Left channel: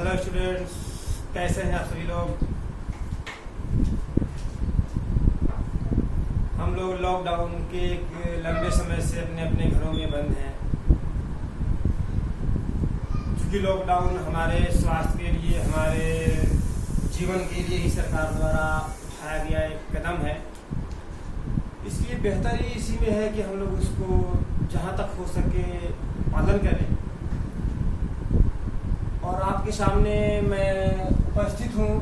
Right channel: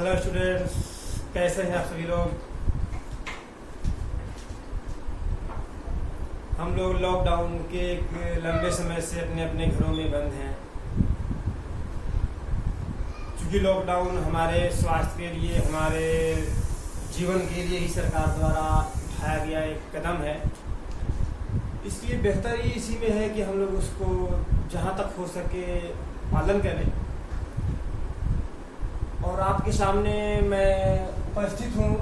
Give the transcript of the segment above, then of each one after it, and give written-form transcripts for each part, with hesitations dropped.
Hello students, कैसे हैं आप सभी लोग। हम लोग लॉकडाउन के एक लंबे समय से अपने अपने घरों में बंद हैं। क्योंकि लॉकडाउन हमारे स्वास्थ्य के लिए, हमारे जीवन के लिए ही सरकार द्वारा उठाया गया एक कदम है। इसलिए बेहतरी इसी में है कि हम लोग उसको जहाँ तक हो सके पालन करें। और आपके सामने मैं उपस्थित हूँ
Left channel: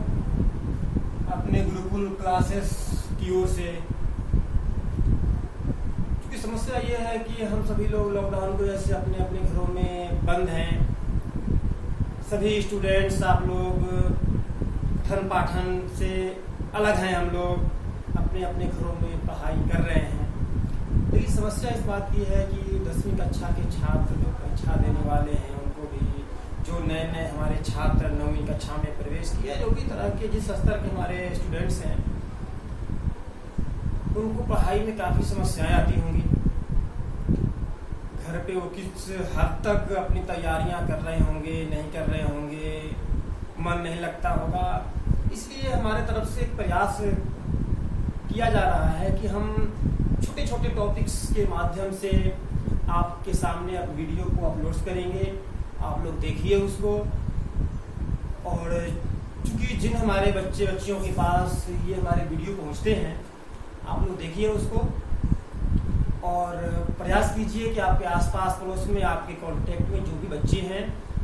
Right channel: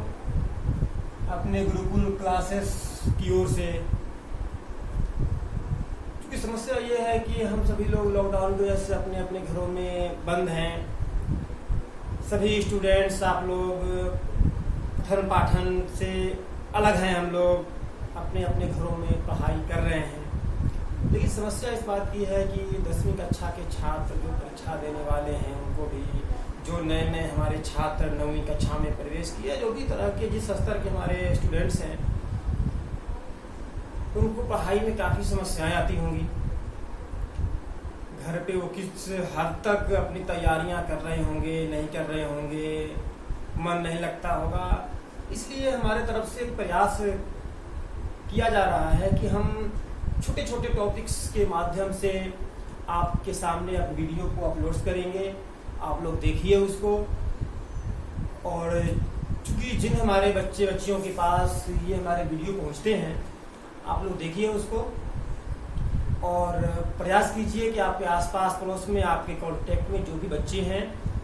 अपने गुरुकुल क्लासेस की ओर से। क्योंकि समस्या ये है कि हम सभी लोग लॉकडाउन की वजह से अपने अपने घरों में बंद हैं। सभी स्टूडेंट्स, आप लोग पठन पाठन से अलग हैं। हम लोग अपने अपने घरों में पढ़ाई कर रहे हैं। लेकिन समस्या इस बात की है कि 10वीं कक्षा के छात्र जो परीक्षा देने वाले हैं, उनको भी जो नए नए हमारे छात्र 9वीं कक्षा में प्रवेश किए, जो भी तरह के जिस स्तर के हमारे स्टूडेंट्स हैं, उनको पढ़ाई में काफी समस्याएं आती होंगी। घर पे वो किस हद तक अपनी तैयारियां कर रहे होंगे, नहीं कर रहे होंगे, मन नहीं लगता होगा। इसलिए हमारे तरफ से एक प्रयास किया जा रहा है कि हम छोटे छोटे टॉपिक्स के माध्यम से आपके सामने अब वीडियो को अपलोड करेंगे। आप लोग देखिए उसको। और चूंकि जिन हमारे बच्चे बच्चियों के पास ये हमारे वीडियो पहुंचते हैं, आप लोग देखिए उसको और प्रयास कीजिए कि आपके आसपास पड़ोस में, आपके कांटेक्ट में जो भी बच्चे हैं,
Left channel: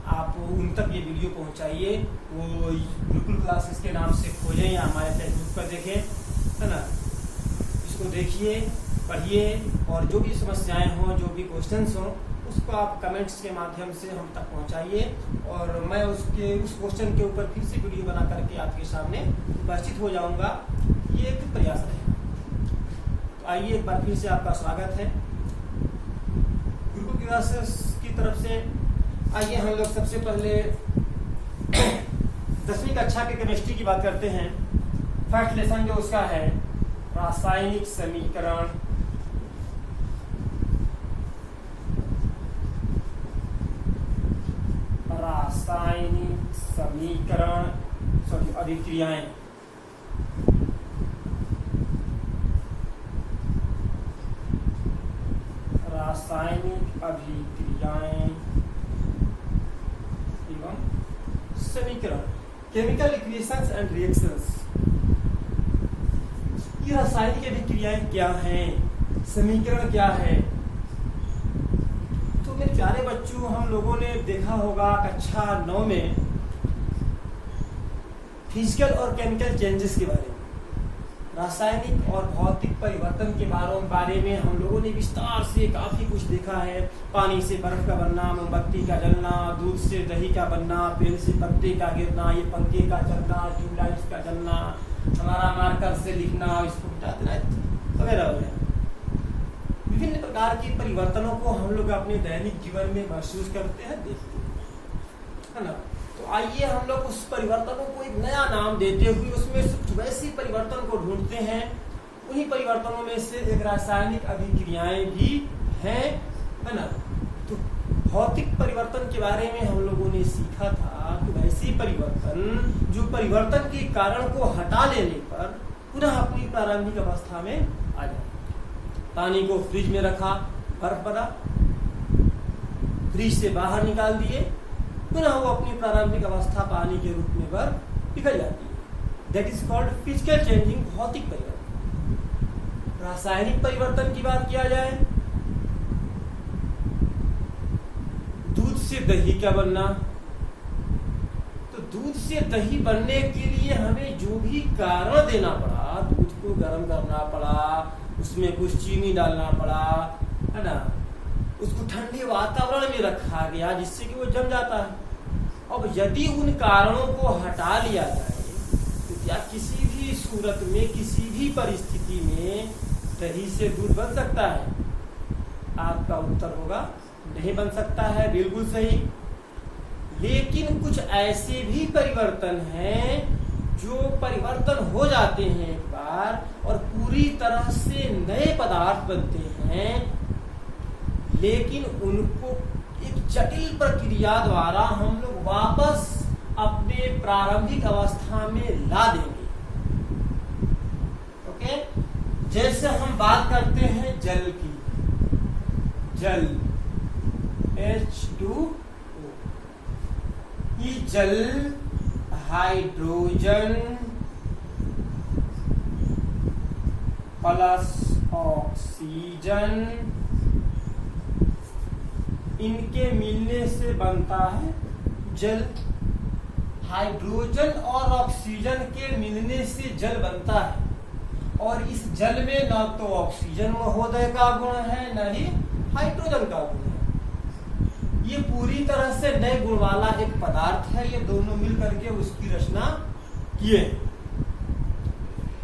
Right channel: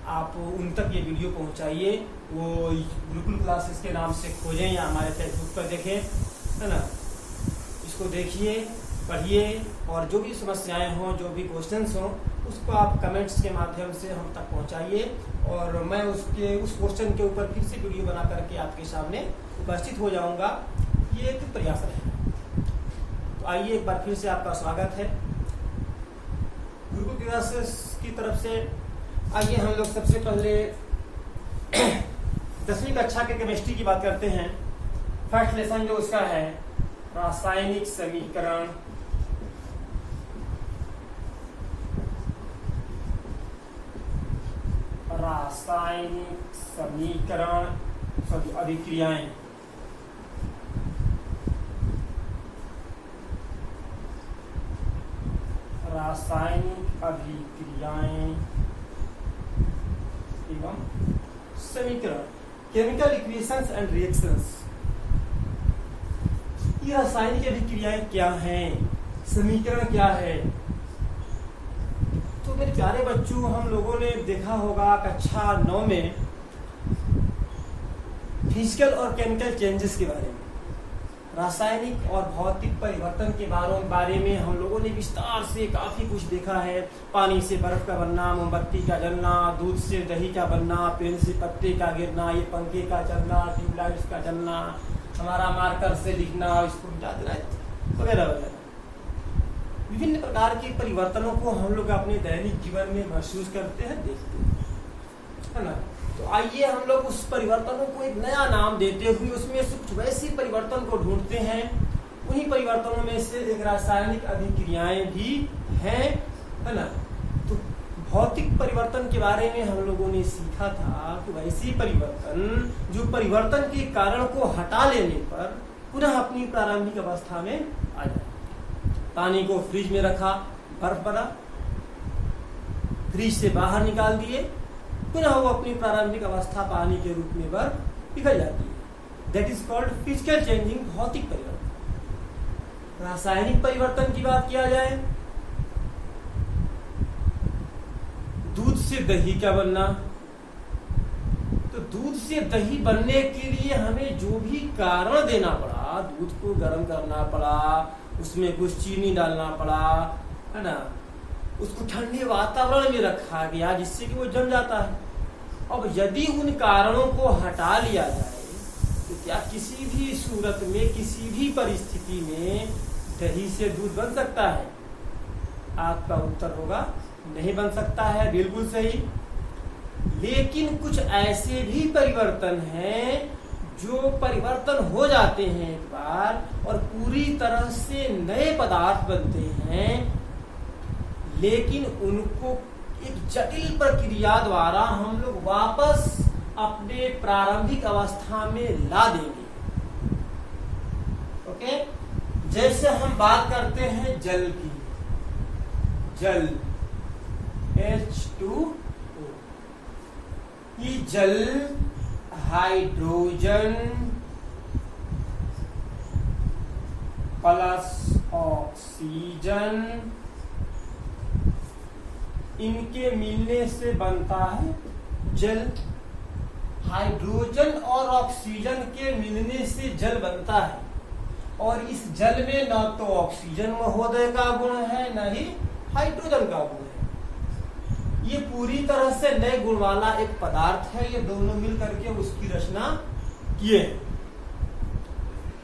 आप उन तक ये वीडियो पहुंचाइए। वो गुरुकुल क्लासेस के नाम से खोजें या हमारे फेसबुक पर देखें, है ना। इसको देखिए, पढ़िए और जो भी समस्याएं हों, जो भी क्वेश्चंस हों, उसको आप कमेंट्स के माध्यम से हम तक पहुंचाइए और मैं उस क्वेश्चन के ऊपर फिर से वीडियो बना करके आपके सामने उपस्थित हो जाऊंगा। ये एक प्रयास रहेगा। तो आइए, एक बार फिर से आपका स्वागत है गुरुकुल क्लासेस की तरफ से। आइए हम लोग सबसे पहले 10वीं कक्षा के केमिस्ट्री की बात करते हैं। फर्स्ट लेसन जो उसका है, रासायनिक समीकरण। रासायनिक समीकरण, सॉरी, अभिक्रियाएं। रासायनिक अभिक्रियाएं एवं समीकरण, केमिकल इक्वेशंस एंड रिएक्शंस। ये रासायनिक अभिक्रियाएं क्या हैं, समीकरण क्या है। तो मेरे प्यारे बच्चों, हम लोगों ने देखा होगा कक्षा 9 में फिजिकल और केमिकल चेंजेस के बारे में, रासायनिक और भौतिक परिवर्तन के बारे में हम लोगों ने विस्तार से काफी कुछ देखा है। पानी से बर्फ का बनना, मोमबत्ती का जलना, दूध से दही का बनना, पेड़ से पत्ते का गिरना, ये पंखे का चलना, ट्यूबलाइट का जलना, हमारा मार्कर से लिखना, इसको मिटा देना, वगैरह वगैरह। विभिन्न प्रकार के परिवर्तनों को हम लोग अपने दैनिक जीवन में महसूस करते हैं, देखते हैं, है ना। तो आइए हम लोग उस परिवर्तनों को एक नया नाम देते हुए उसमें कुछ वैसी परिवर्तन को ढूंढते हैं। उन्हीं परिवर्तनों में से एक रासायनिक अभिक्रियाएं भी हैं, है ना। तो भौतिक परिवर्तन के बारे में हम लोगों ने सीखा था कि वैसी परिवर्तन जो परिवर्तन के कारण को हटा लेने पर पुनः अपनी प्रारंभिक अवस्था में आ जाए। पानी को फ्रिज में रखा, बर्फ बना, फ्रिज से बाहर निकाल दिए, पुनः वो अपनी प्रारंभिक अवस्था पानी के रूप में बर्फ पिघल जाती है। That is called physical changing, भौतिक परिवर्तन। रासायनिक परिवर्तन की बात किया जाए, दूध से दही का बनना। तो दूध से दही बनने के लिए हमें जो भी कारण देना पड़ा, दूध को गर्म करना पड़ा, उसमें कुछ चीनी डालना पड़ा, है ना, उसको ठंडे वातावरण में रखा गया जिससे कि वो जम जाता है। अब यदि उन कारणों को हटा लिया जाए तो क्या किसी भी सूरत में, किसी भी परिस्थिति में दही से दूध बन सकता है? आपका उत्तर होगा नहीं बन सकता है। बिल्कुल सही। लेकिन कुछ ऐसे भी परिवर्तन हैं जो परिवर्तन हो जाते हैं एक बार और पूरी तरह से नए पदार्थ बनते हैं, लेकिन उनको एक जटिल प्रक्रिया द्वारा हम लोग वापस अपने प्रारंभिक अवस्था में ला देंगे। ओके, जैसे हम बात करते हैं जल की, जल H2O, ये जल हाइड्रोजन प्लस ऑक्सीजन इनके मिलने से बनता है जल। हाइड्रोजन और ऑक्सीजन के मिलने से जल बनता है, और इस जल में न तो ऑक्सीजन महोदय का गुण है न ही हाइड्रोजन का गुण है। ये पूरी तरह से नए गुण वाला एक पदार्थ है। ये दोनों मिल करके उसकी रचना किए।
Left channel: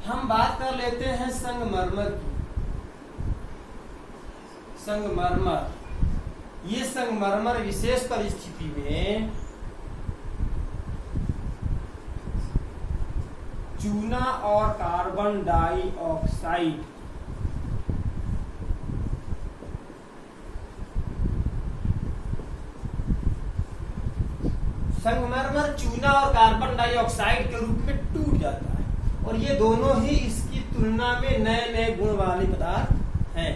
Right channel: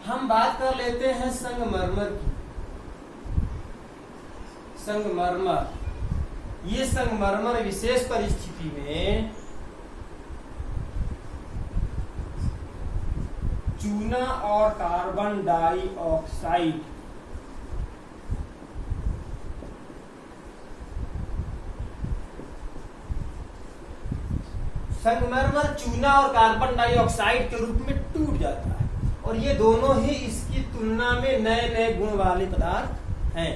हम बात कर लेते हैं संगमरमर की। संगमरमर, ये संगमरमर विशेष परिस्थिति में चूना और कार्बन डाइऑक्साइड संगमरमर चूना और कार्बन डाइऑक्साइड के रूप में टूट जाता है, और ये दोनों ही इसकी तुलना में नए नए गुण वाले पदार्थ हैं।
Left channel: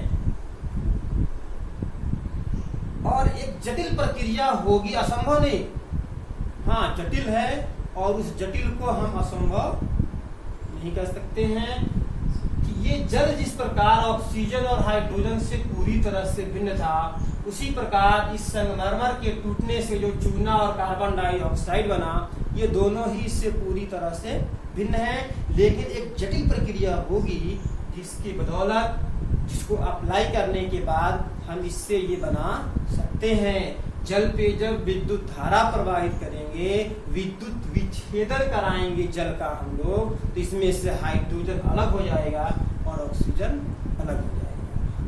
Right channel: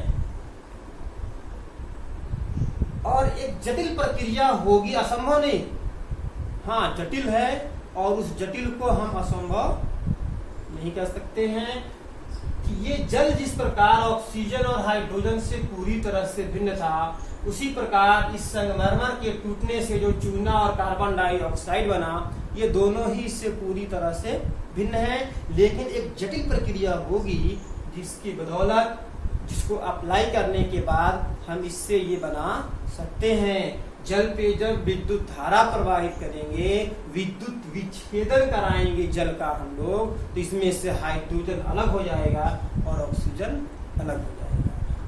और एक जटिल प्रक्रिया होगी, असंभव नहीं, हाँ जटिल है, और उस जटिल को हम असंभव नहीं कर सकते हैं कि ये जल जिस प्रकार ऑक्सीजन और हाइड्रोजन से पूरी तरह से भिन्न था, उसी प्रकार इस संगमरमर के टूटने से जो चूना और कार्बन डाइऑक्साइड बना, ये दोनों ही इससे पूरी तरह से भिन्न है। लेकिन एक जटिल प्रक्रिया होगी जिसकी बदौलत, जिसको अप्लाई करने के बाद हम इससे ये बना सकते हैं। जल पे जब विद्युत धारा प्रवाहित करेंगे, विद्युत विच्छेदन कराएंगे जल का हम लोग, तो इसमें से हाइड्रोजन अलग हो जाएगा और ऑक्सीजन अलग हो जाएगा।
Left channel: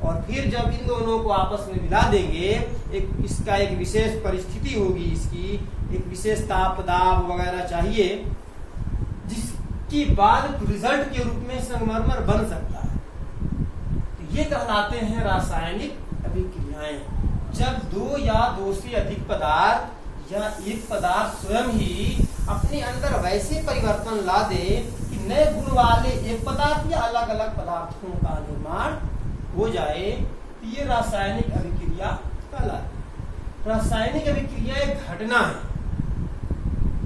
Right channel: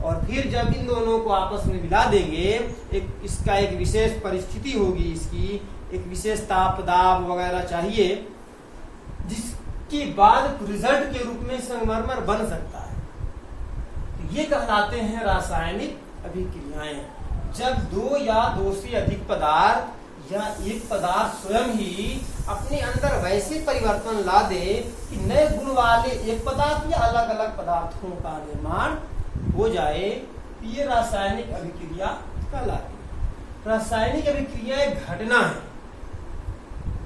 और फिर जब इन दोनों को आपस में मिला देंगे, इसका एक विशेष परिस्थिति होगी, इसकी एक विशेष ताप दाब वगैरह चाहिए, जिसके बाद रिजल्ट के रूप में संगमरमर बन सकता है। ये कहलाते हैं रासायनिक अभिक्रियाएं। जब दो या दो से अधिक पदार्थ या एक पदार्थ स्वयं ही अपने अंदर वैसे परिवर्तन ला दे कि नए गुण वाले एक पदार्थ या अलग अलग पदार्थों का निर्माण हो जाए, तो ये रासायनिक अभिक्रिया कहलाती है। रासायनिक अभिक्रिया एक घटना है,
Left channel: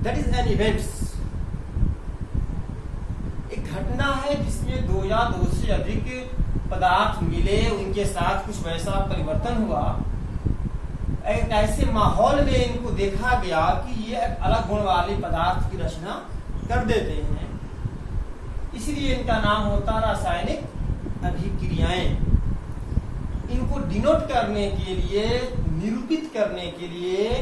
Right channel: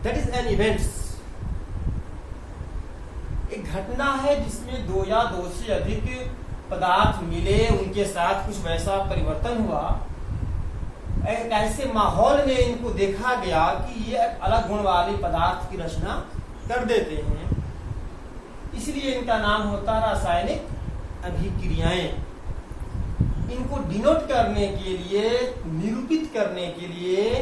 दैट इज एन इवेंट्स। एक घटना है जिसमें दो या दो से अधिक पदार्थ मिले, उनके साथ कुछ वैसा परिवर्तन हुआ, एक ऐसे माहौल में इनको देखा गया कि ये अलग गुण वाले पदार्थ की रचना कर देते हैं, इसलिए इनका नाम होता है रासायनिक अभिक्रियाएं। इनको डिनोट करने के लिए, निरूपित करने के लिए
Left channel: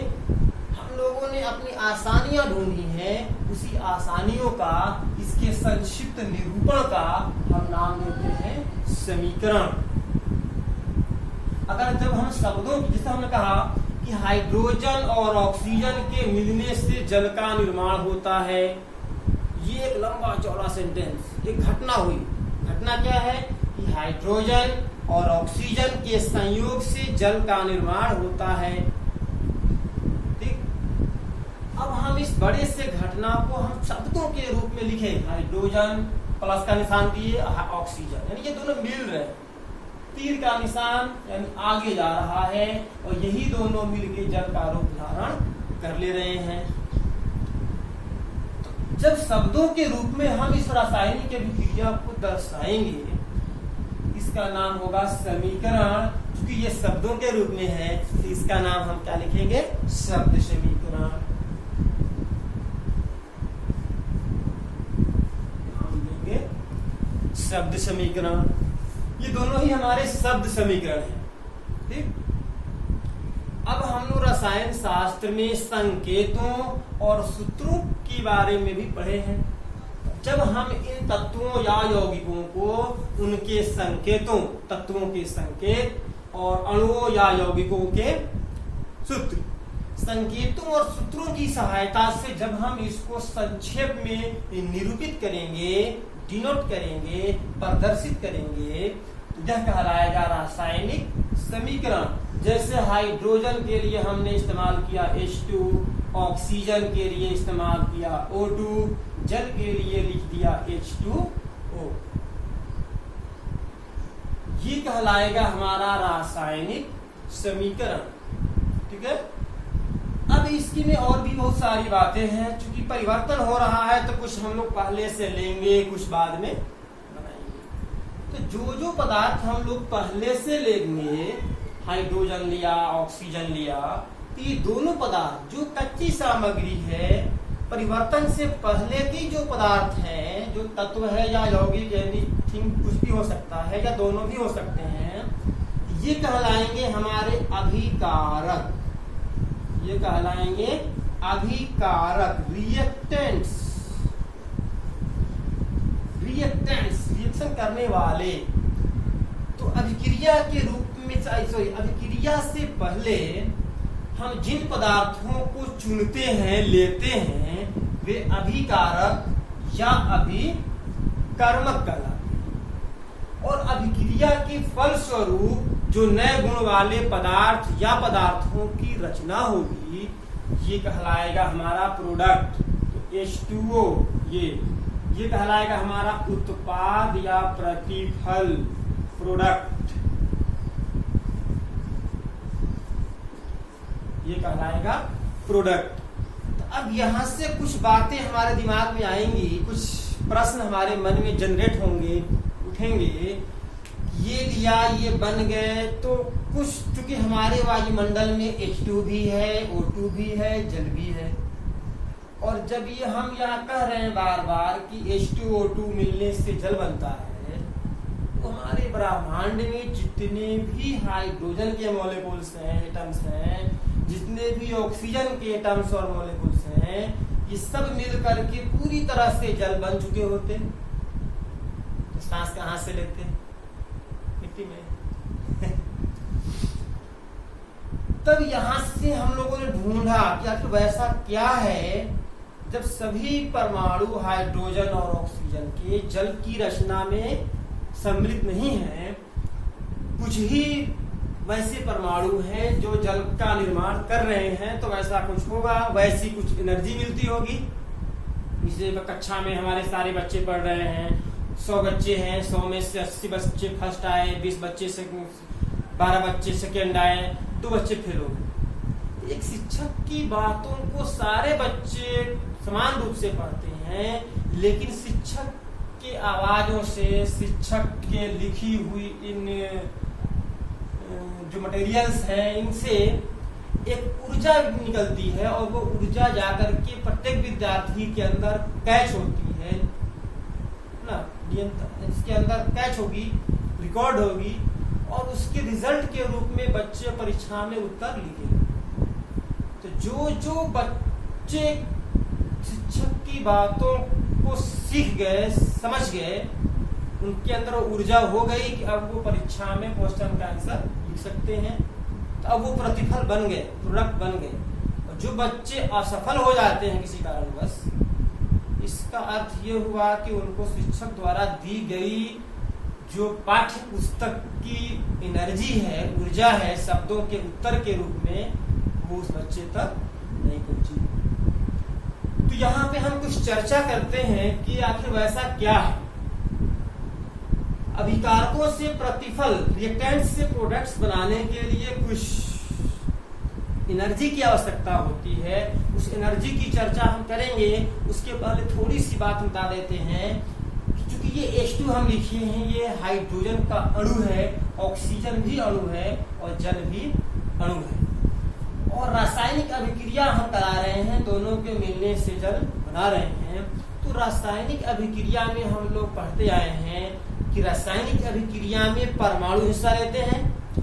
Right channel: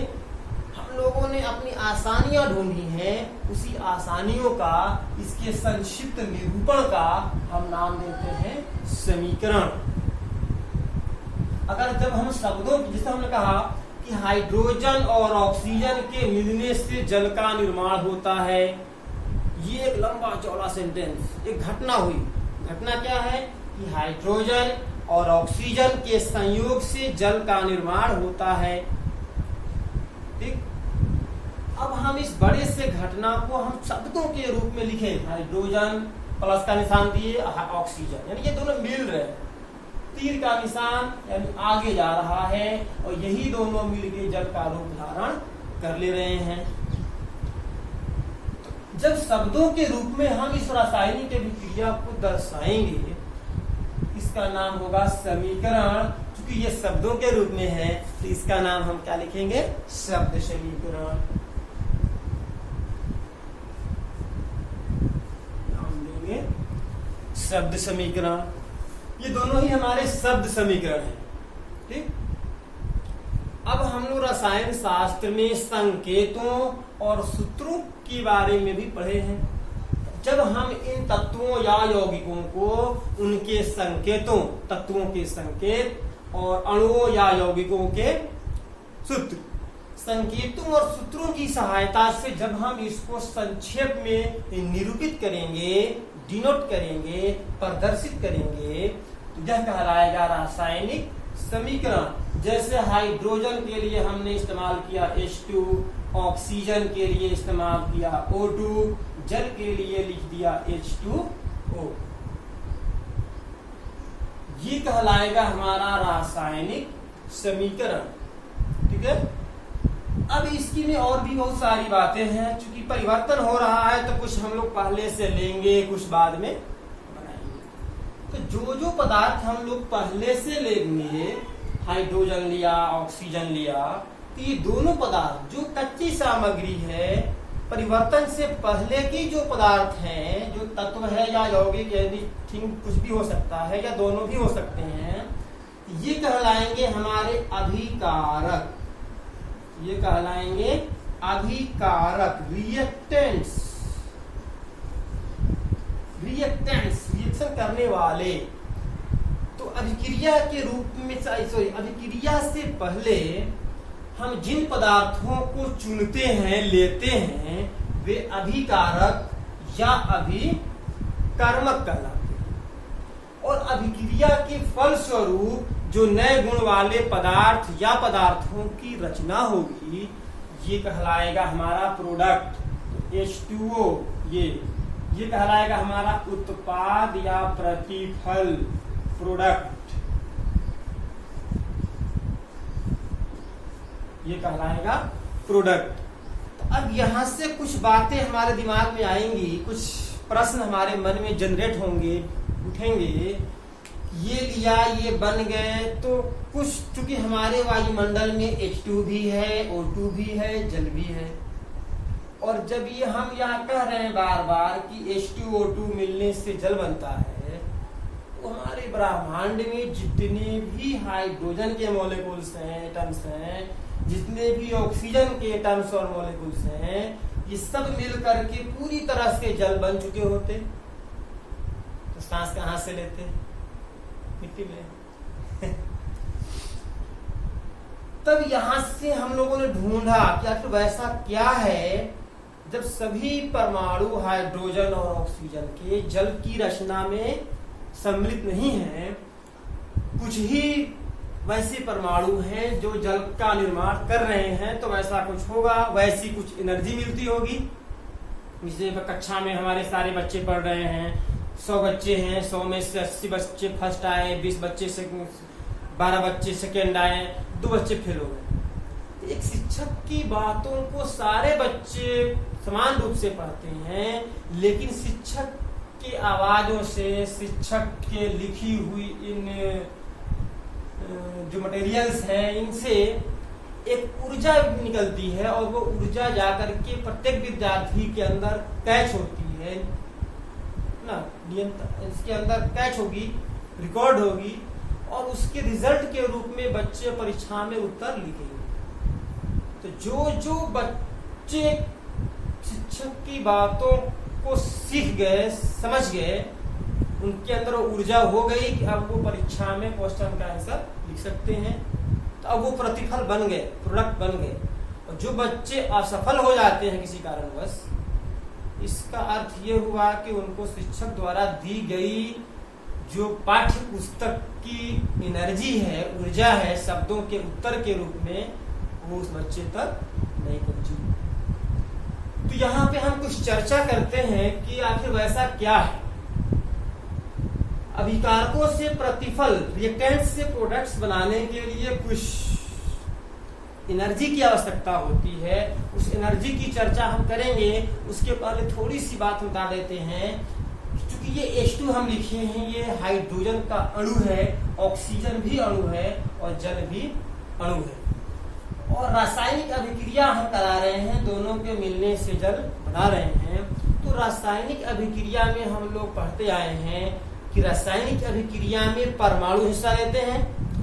हम लोगों ने अपनी आसानियां ढूंढी हैं। उसी आसानियों का, इसके संक्षिप्त निरूपण का हम नाम देते हैं समीकरण। अगर जब हम शब्दों, जैसे हमने कहा कि हाइड्रोजन और ऑक्सीजन के मिलने से जल का निर्माण होता है, ये एक लंबा चौड़ा सेंटेंस, एक घटना हुई। घटना क्या है कि हाइड्रोजन और ऑक्सीजन के संयोग से जल का निर्माण होता है। ठीक, अब हम इस बड़े से घटना को हम शब्दों के रूप में लिखें। हाइड्रोजन प्लस का निशान दिए, ऑक्सीजन, यानी ये दोनों मिल रहे हैं, तीर का निशान यानी आगे जा रहा है, और यही दोनों मिलके जल का रूप धारण कर ले रहे हैं। जब शब्दों के रूप में हम इस रासायनिक अभिक्रिया को दर्शाएंगे, इसका नाम होगा समीकरण। क्योंकि ये शब्दों के रूप में है, तो इसका नाम हम क्या लिखेंगे? शब्द समीकरण। नाम देंगे शब्द समीकरण। ये दोनों ही हमारे शब्द समीकरण हैं। ठीक, अब हम लोग रसायन शास्त्र में संकेतों और सूत्रों के बारे में भी पढ़े हैं। जब हम इन तत्वों या यौगिकों को उनके संकेतों, तत्वों के संकेत, और अणुओं या यौगिकों के सूत्र, संकेतों और सूत्रों की सहायता से जब हम इसको संक्षेप में निरूपित करेंगे, डिनोट करेंगे, प्रदर्शित करेंगे, यह कहलाएगा रासायनिक समीकरण। जैसे हाइड्रोजन के लिए हमने इस्तेमाल किया H2, ऑक्सीजन के लिए इस्तेमाल किया O2, जल के लिए लिख दिया H2O। ये कहलाएगा हमारा रासायनिक समीकरण। ठीक है। अब इसकी में और भी बहुत सारी बातें हैं, क्योंकि परिवर्तन हो रहा है तो कुछ हम लोग पहले से लेंगे, कुछ बाद में बनाएंगे। तो जो पदार्थ हम लोग पहले से लेंगे, हाइड्रोजन लिया, ऑक्सीजन लिया, तो ये दोनों पदार्थ जो कच्ची सामग्री है, परिवर्तन से पहले की जो पदार्थ हैं, जो तत्व है या यौगिक एनीथिंग कुछ भी हो सकता है या दोनों भी हो सकते हैं, ये कहलाएंगे हमारे अभिकारक। ये कहलाएंगे अभिकारक, रिएक्टेंट्स, रिएक्शन करने वाले। तो अभिक्रिया के रूप में, अभिक्रिया से पहले हम जिन पदार्थों को चुनते हैं, लेते हैं, वे अभिकारक या अभिकर्मक कहलाते हैं। और अभिक्रिया के फलस्वरूप जो नए गुण वाले पदार्थ या पदार्थों की रचना होगी, ये कहलाएगा हमारा प्रोडक्ट। तो H2O ये कहलाएगा हमारा उत्पाद या प्रतिफल, प्रोडक्ट। ये कहलाएगा प्रोडक्ट। तो अब यहां से कुछ बातें हमारे दिमाग में आएंगी, कुछ प्रश्न हमारे मन में जनरेट होंगे, उठेंगे। ये लिया, ये बन गए, तो कुछ चूंकि हमारे वायुमंडल में H2 भी है, O2 भी है, जल भी है। और जब ये हम यहाँ कह रहे हैं बार बार कि H2O2 मिलने से जल बनता है, तो हमारे ब्रह्मांड में जितने भी हाइड्रोजन के मॉलिक्यूल्स हैं, एटम्स हैं, जितने भी ऑक्सीजन के एटम्स और मॉलिक्यूल्स हैं, ये सब मिल करके पूरी तरह से जल बन चुके होते। तो सांस कहाँ से लेते? मिट्टी में। तब यहां से हम लोगों ने ढूंढा कि आखिर वैसा क्या है जब सभी परमाणु हाइड्रोजन और ऑक्सीजन के जल की रचना में सम्मिलित नहीं है, कुछ ही वैसे परमाणु हैं जो जल का निर्माण कर रहे हैं, तो वैसा कुछ होगा, वैसी कुछ एनर्जी मिलती होगी। जैसे कक्षा में हमारे सारे बच्चे पढ़ रहे हैं, 100 बच्चे हैं, 100 में से 80 बच्चे फर्स्ट आए, 20 बच्चे 12 बच्चे सेकेंड आए, 2 बच्चे फेल हो गए। एक शिक्षक की बातों को सारे बच्चे समान रूप से पढ़ते हैं, लेकिन शिक्षक की आवाजों से, शिक्षक के लिखी हुई इन जो मटेरियल्स हैं, इनसे एक ऊर्जा निकलती है और वो ऊर्जा जाकर के प्रत्येक विद्यार्थी के अंदर कैच होती है ना, इसके अंदर कैच होगी, रिकॉर्ड होगी, और उसके रिजल्ट के रूप में बच्चे परीक्षा में उत्तर लिखेंगे। तो जो बच्चे शिक्षक की बातों को सीख गए, समझ गए, उनके अंदर ऊर्जा हो गई कि अब वो परीक्षा में क्वेश्चन का आंसर लिख सकते हैं। तो अब वो प्रतिफल बन गए, प्रोडक्ट बन गए। और जो बच्चे असफल हो जाते हैं किसी कारणवश, इसका अर्थ ये हुआ कि उनको शिक्षक द्वारा दी गई जो पाठ्य पुस्तक की एनर्जी है, ऊर्जा है, शब्दों के उत्तर के रूप में, वो उस बच्चे तक नहीं पहुंची। तो यहाँ पे हम कुछ चर्चा करते हैं कि आखिर वैसा क्या है। अभिकारकों से प्रतिफल, रिएक्टेंट से प्रोडक्ट्स बनाने के लिए कुछ एनर्जी की आवश्यकता होती है। उस एनर्जी की चर्चा हम करेंगे। उसके पहले थोड़ी सी बात बता देते हैं। क्योंकि ये H2 हम लिखे हैं, ये हाइड्रोजन का अणु है, ऑक्सीजन भी अणु है और जल भी अणु है। और रासायनिक अभिक्रिया हम करा रहे हैं, दोनों के मिलने से जल बना रहे हैं। तो रासायनिक अभिक्रिया में हम लोग पढ़ते आए हैं कि रासायनिक अभिक्रिया में परमाणु हिस्सा लेते हैं।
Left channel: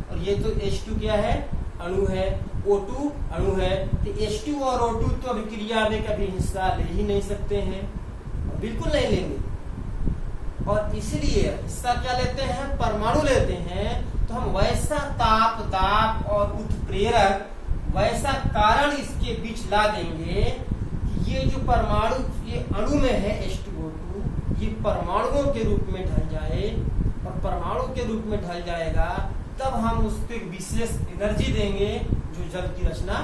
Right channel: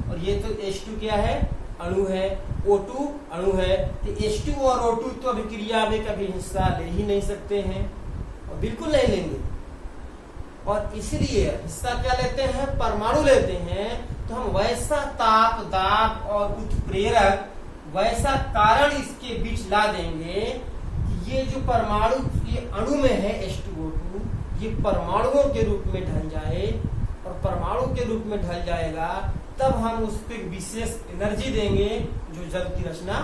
और ये तो H2 क्या है? अणु है। O2 अणु है। तो H2 और O2 तो अभिक्रिया में कभी हिस्सा ले ही नहीं सकते हैं और बिल्कुल नहीं लेंगे। और इसलिए हिस्सा क्या लेते हैं? परमाणु लेते हैं। तो हम वैसा ताप, दाब और उत्प्रेरक, वैसा कारण इसके बीच ला देंगे कि ये जो परमाणु, ये अणु में है H2O2, ये परमाणुओं के रूप में ढल जाए, और परमाणु के रूप में ढल जाएगा, तब हम उस पर विशेष एनर्जी देंगे जो जल की रचना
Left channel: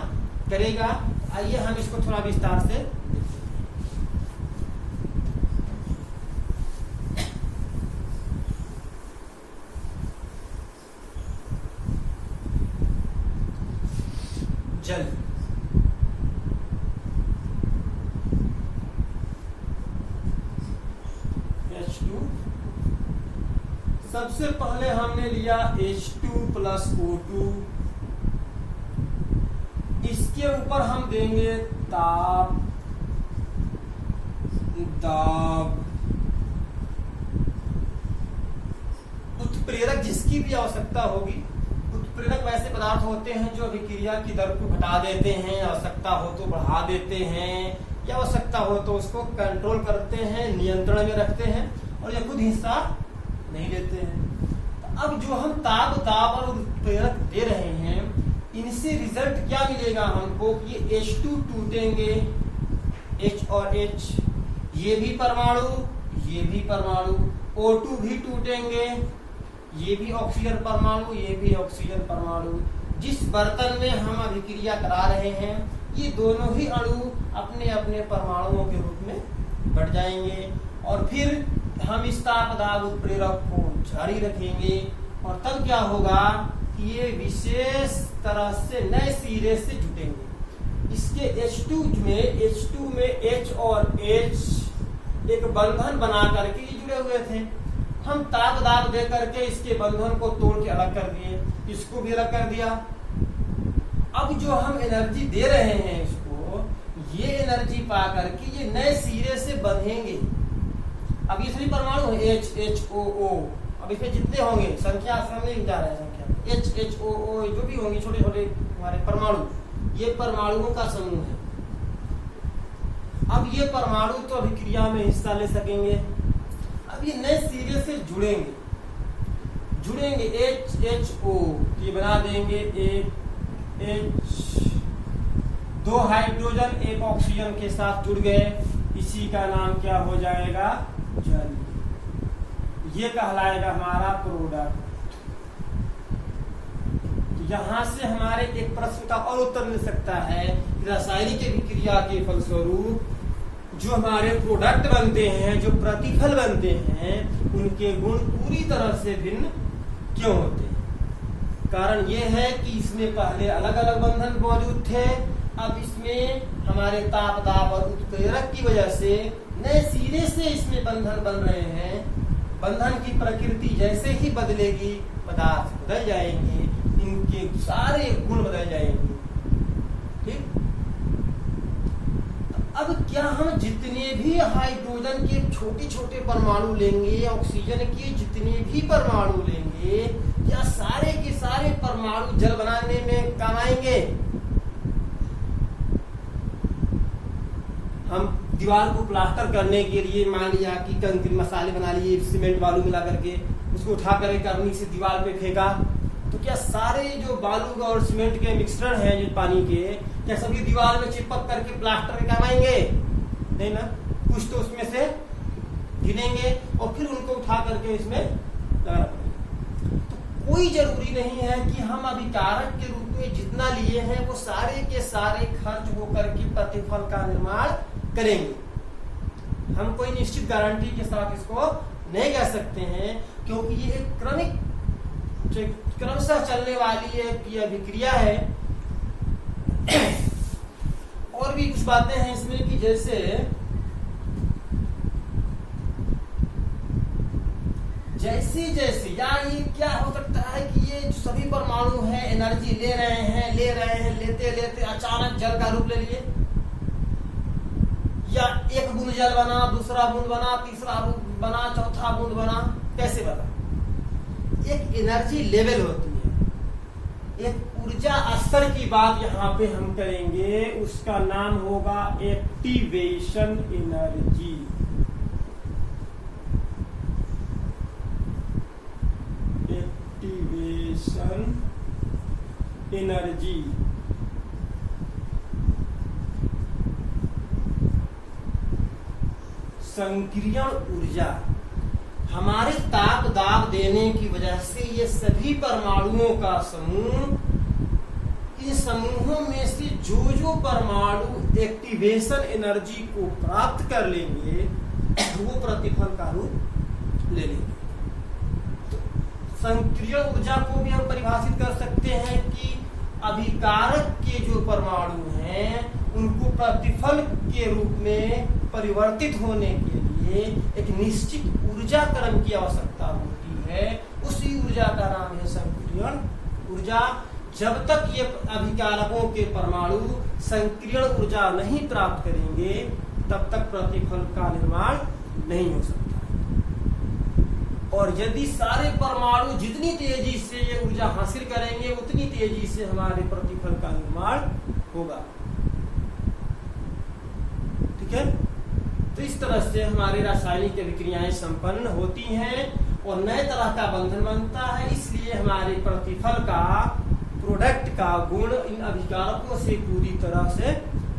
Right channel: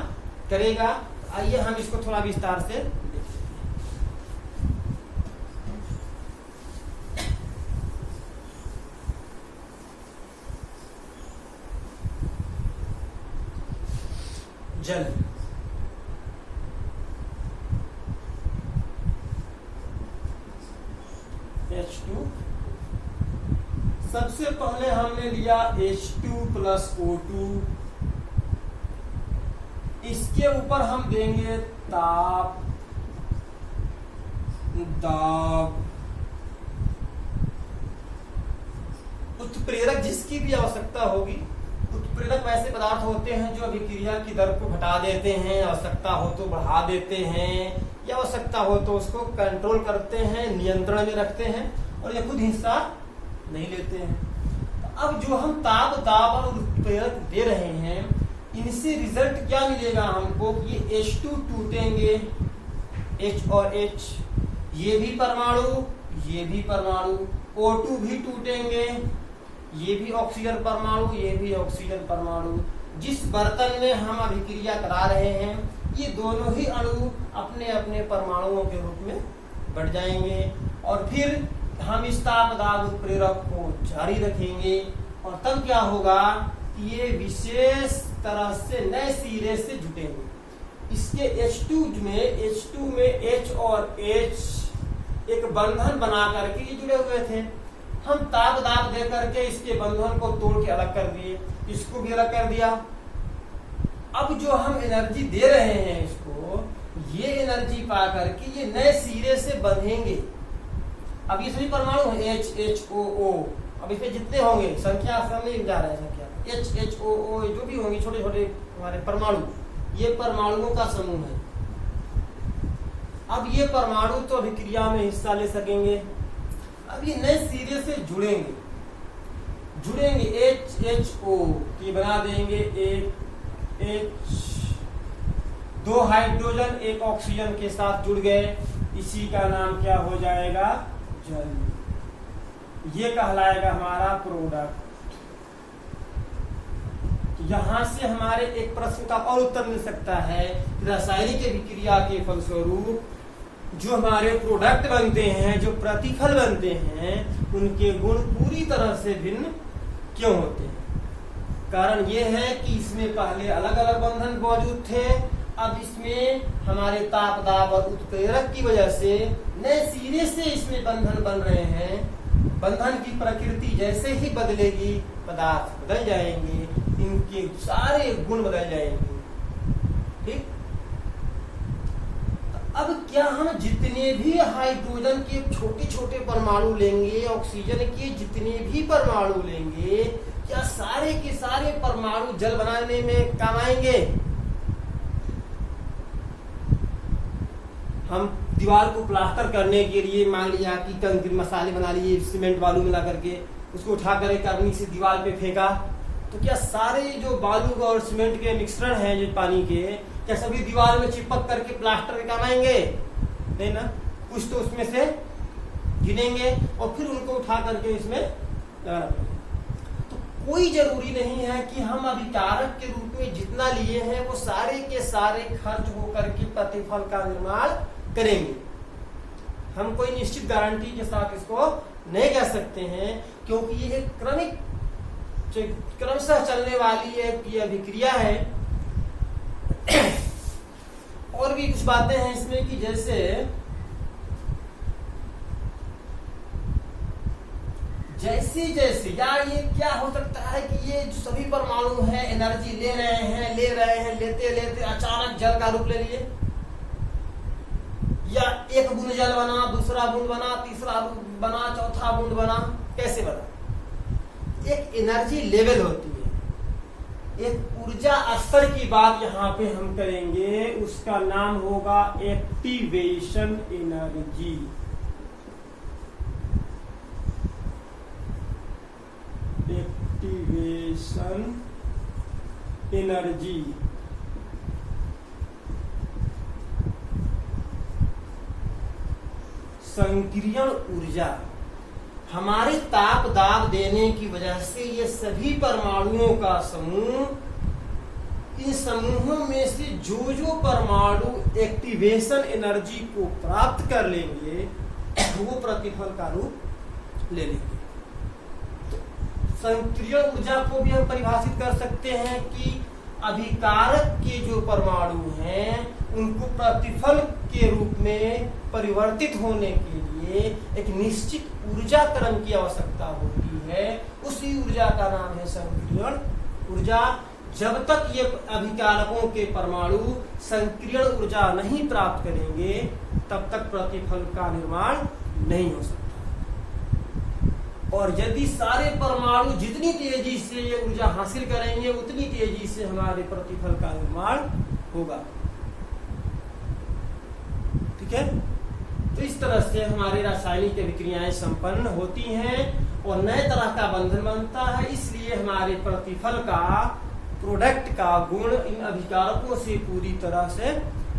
करेगा। आइए हम इसको थोड़ा विस्तार से देखें। जल H2, सबसे पहले हमने लिया H2 प्लस O2, इसके ऊपर हम देंगे ताप, दाब, उत्प्रेरक जिसकी भी आवश्यकता होगी। उत्प्रेरक वैसे पदार्थ होते हैं जो अभिक्रिया की दर को घटा देते हैं, आवश्यकता हो तो बढ़ा देते हैं, या आवश्यकता हो तो उसको कंट्रोल करते हैं, नियंत्रण में रखते हैं, और ये खुद हिस्सा नहीं लेते हैं। अब जो हम ताप, दाब और उत्प्रेरक दे रहे हैं, इनसे रिजल्ट क्या मिलेगा हमको कि H2 टूटेंगे, H और H, ये भी परमाणु, ये भी परमाणु, O2 भी टूटेंगे, ये भी ऑक्सीजन परमाणु, ये भी ऑक्सीजन परमाणु। जिस बर्तन में हम अभिक्रिया करा रहे हैं, ये दोनों ही अणु अपने अपने परमाणुओं के रूप में बढ़ जाएंगे, और फिर हम इस ताप, दाब, उत्प्रेरक को जारी रखेंगे, और तब क्या होगा कि ये विशेष तरह से नए सिरे से जुटेंगे। इसके H2 में H और H एक बंधन बना करके ये जुड़े हुए थे। हम ताप, दाब दे करके इसके बंधन को तोड़ के अलग कर दिए, इसको भी अलग कर दिया। अब जो हम एनर्जी दे रहे हैं इसको, ये एनर्जी पा करके ये नए सिरे से बंधेंगे। अब ये सभी परमाणु है H, H, O, O, अब इसमें जितने होंगे संख्या सामने जा रहे हैं, संख्या H, H, O, O जो भी होंगे छोटे छोटे हमारे परमाणु, ये परमाणुओं का समूह है। अब ये परमाणु तो अभिक्रिया में हिस्सा ले सकेंगे। अब ये नए सिरे से जुड़ेंगे H, H, O, ये बना देंगे एक H, दो हाइड्रोजन एक ऑक्सीजन के साथ जुड़ गए, इसी का नाम क्या हो जाएगा, जल। ये कहलाएगा हमारा प्रोडक्ट। यहां से हमारे एक प्रश्न का और उत्तर मिल सकता है कि रासायनिक अभिक्रिया के फलस्वरूप जो हमारे प्रोडक्ट बनते हैं, जो प्रतिफल बनते हैं, उनके गुण पूरी तरह से भिन्न क्यों होते हैं। कारण ये है कि इसमें पहले अलग अलग बंधन मौजूद थे, अब इसमें हमारे ताप, दाब और उत्प्रेरक की वजह से नए सिरे से इसमें बंधन बन रहे हैं। बंधन की प्रकृति जैसे ही बदलेगी, पदार्थ बदल जाएंगे, इनके सारे गुण बदल जाएंगे। ठीक, अब क्या हम जितने भी हाइड्रोजन के छोटे छोटे परमाणु लेंगे, ऑक्सीजन के जितने भी परमाणु लेंगे, क्या सारे के सारे परमाणु जल बनाने में काम आएंगे? हम दीवार को प्लास्टर करने के लिए मान लिया कि कंक्रीट मसाले बना लिए, सीमेंट बालू मिला करके उसको उठा कर करनी से दीवार पे फेंका, तो क्या सारे जो बालू और सीमेंट के मिश्रण हैं जो पानी के, क्या सभी दीवार में चिपक करके प्लास्टर में काम आएंगे? नहीं ना, कुछ तो उसमें से गिरेंगे और फिर उनको उठा करके इसमें लगाना पड़ेगा। तो कोई जरूरी नहीं है कि हम अभिकारक के रूप में जितना लिए हैं वो सारे के सारे खर्च होकर के प्रतिफल का निर्माण करेंगे। हम कोई निश्चित गारंटी के साथ इसको नहीं कर सकते हैं, क्योंकि ये एक क्रमशः चलने वाली एक अभिक्रिया है। और भी कुछ बातें हैं इसमें कि जैसे जैसे या ये क्या हो सकता है कि ये जो सभी परमाणु हैं एनर्जी ले रहे हैं, लेते लेते अचानक जल का रूप ले लिए, या एक बूंद जल बना, दूसरा बूंद बना, तीसरा बूंद बना, चौथा बूंद बना, कैसे बना? एक एनर्जी लेवल होती है, एक ऊर्जा स्तर की बात यहाँ पे हम करेंगे, उसका नाम होगा एक्टिवेशन एनर्जी। एक्टिवेशन एनर्जी संक्रियण ऊर्जा। हमारे ताप दाब देने की वजह से ये सभी परमाणुओं का समूह, इन समूहों में से जो जो परमाणु एक्टिवेशन एनर्जी को प्राप्त कर लेंगे वो प्रतिफल का रूप ले लेंगे। सक्रिय ऊर्जा को भी हम परिभाषित कर सकते हैं कि अभिकारक के जो परमाणु हैं उनको प्रतिफल के रूप में परिवर्तित होने के लिए एक निश्चित ऊर्जा क्रम की आवश्यकता होती है। उसी ऊर्जा का नाम है संक्रियण ऊर्जा। जब तक ये अभिकारकों के परमाणु संक्रियण ऊर्जा नहीं प्राप्त करेंगे तब तक प्रतिफल का निर्माण नहीं हो सकता। और यदि सारे परमाणु जितनी तेजी से ये ऊर्जा हासिल करेंगे उतनी तेजी से हमारे प्रतिफल का निर्माण होगा। ठीक है, तो इस तरह से हमारे रासायनिक अभिक्रियाएं संपन्न होती हैं और नए तरह का बंधन बनता है। इसलिए हमारे प्रतिफल का, प्रोडक्ट का गुण इन अभिकारकों से पूरी तरह से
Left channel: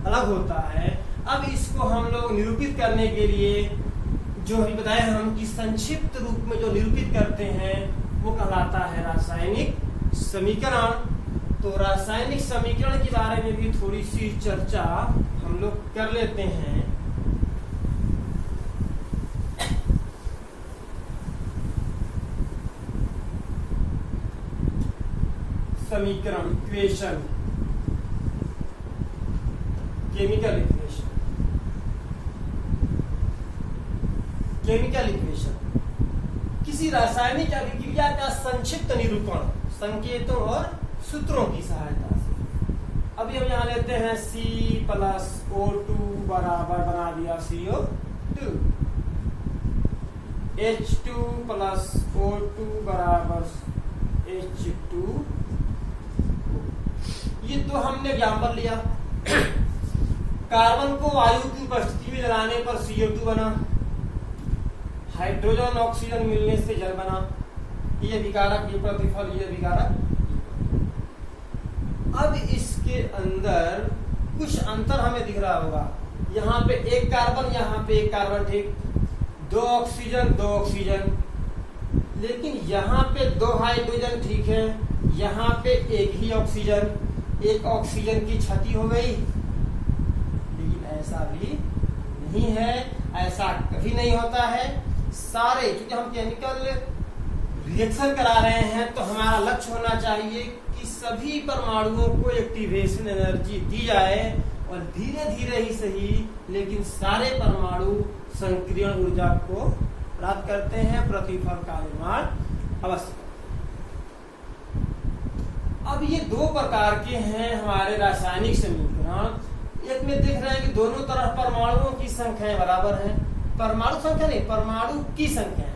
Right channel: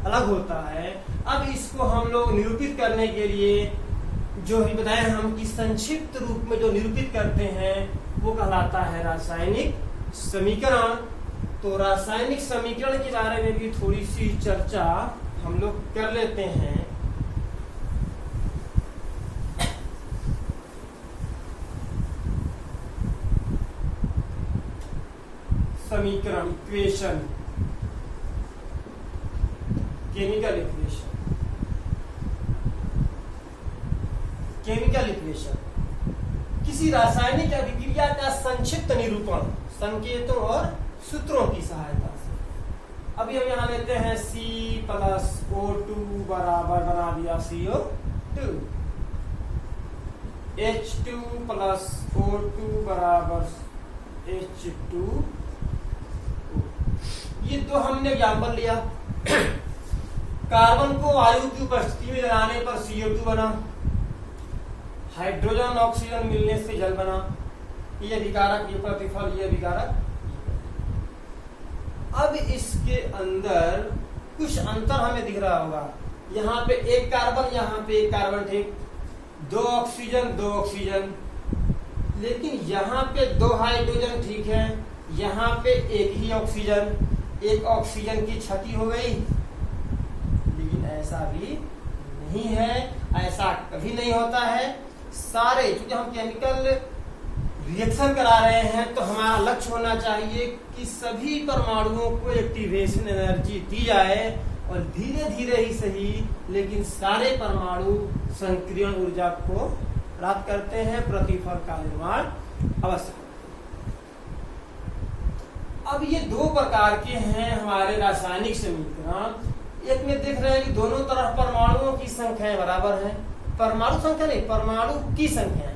अलग होता है। अब इसको हम लोग निरूपित करने के लिए जो ही बताए हम कि संक्षिप्त रूप में जो निरूपित करते हैं वो कहलाता है रासायनिक समीकरण। तो रासायनिक समीकरण के बारे में भी थोड़ी सी चर्चा हम लोग कर लेते हैं। समीकरण, equation, chemical equation. Chemical equation किसी रासायनिक अभिक्रिया का संक्षिप्त निरूपण संकेतों और सूत्रों की सहायता से। अभी हम यहाँ लेते हैं C+O2 बराबर बना दिया CO2, H2+O2 बराबर H2। ये तो हमने एग्जाम्पल लिया। कार्बन को वायु की उपस्थिति में जलाने पर CO2 बना, हाइड्रोजन ऑक्सीजन मिलने से जल बना। ये विकारक, ये प्रतिफल, ये विकारक। अब इसके अंदर कुछ अंतर हमें दिख रहा होगा। यहाँ पे एक कार्बन, यहाँ पे एक कार्बन, ठीक, दो ऑक्सीजन, दो ऑक्सीजन। लेकिन यहाँ पे दो हाइड्रोजन, ठीक है, यहाँ पे एक ही ऑक्सीजन, एक ऑक्सीजन की क्षति हो गई। लेकिन ऐसा भी नहीं है, ऐसा कभी नहीं होता है। सारे, क्योंकि हम केमिकल रिएक्शन करा रहे हैं तो हमारा लक्ष्य होना चाहिए कि सभी परमाणुओं को एक्टिवेशन एनर्जी दी जाए और धीरे धीरे ही सही, लेकिन सारे परमाणु संक्रियण ऊर्जा को प्राप्त करते हैं, प्रतिफल का निर्माण अवश्य। अब ये दो प्रकार के हैं हमारे रासायनिक समीकरण। एक में देख रहे हैं कि दोनों तरफ परमाणुओं की संख्याएं बराबर हैं। परमाणु संख्या नहीं, परमाणु की संख्या है।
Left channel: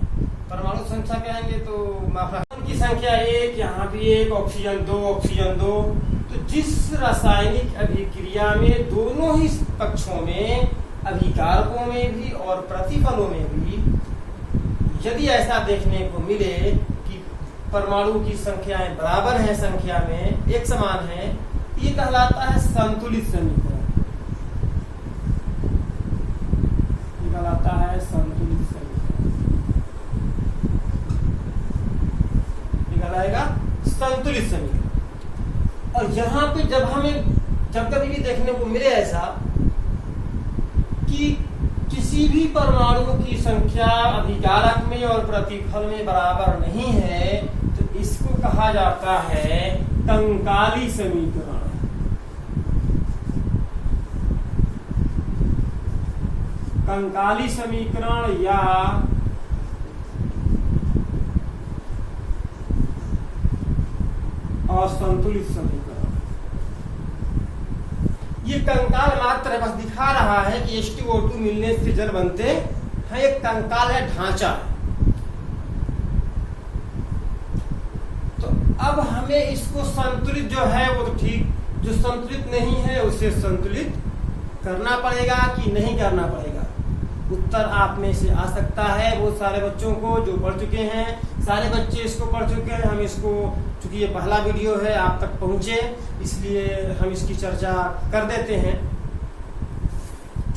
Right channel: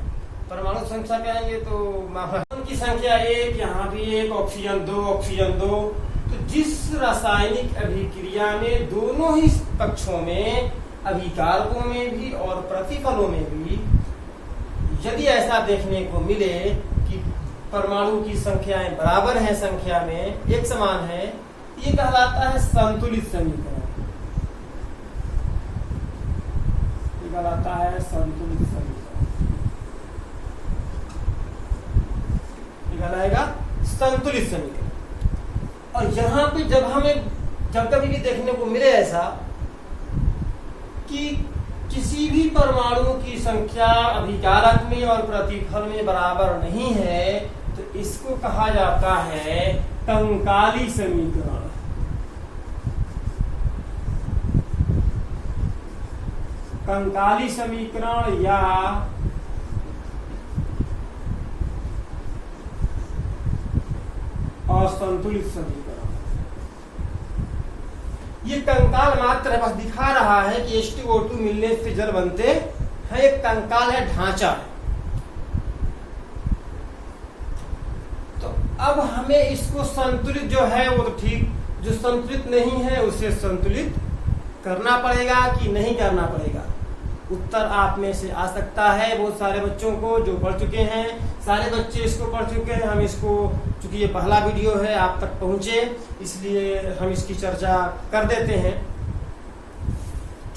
परमाणु संख्या कहेंगे तो की संख्या एक, यहाँ भी एक, ऑक्सीजन दो, ऑक्सीजन दो। तो जिस रासायनिक अभिक्रिया में दोनों ही पक्षों में, अभिकारकों में भी और प्रतिफलों में भी, यदि ऐसा देखने को मिले कि परमाणु की संख्याएं बराबर हैं, संख्या में एक समान है, ये कहलाता है संतुलित समीकरण। ये कहलाता है संतुलित समीकरण। ये कहलाएगा संतुलित समीकरण। और यहाँ पे जब कभी भी देखने को मिले ऐसा कि किसी भी परमाणु की संख्या अभिकारक में और प्रतिफल में बराबर नहीं है, तो इसको कहा जाता है कंकाली समीकरण। कंकाली समीकरण या असंतुलित समीकरण। ये कंकाल मात्र बस दिखा रहा है कि H2O2 मिलने से जल बनते हैं। एक कंकाल है, ढांचा। तो अब हमें इसको संतुलित जो है वो तो ठीक, जो संतुलित नहीं है उसे संतुलित करना पड़ेगा कि नहीं करना पड़ेगा। उत्तर आप में से आ सकता है बहुत सारे बच्चों को जो पढ़ चुके हैं। सारे बच्चे इसको पढ़ चुके हैं। हम इसको, चूंकि ये पहला वीडियो है, आप तक पहुंचे, इसलिए हम इसकी चर्चा कर देते हैं।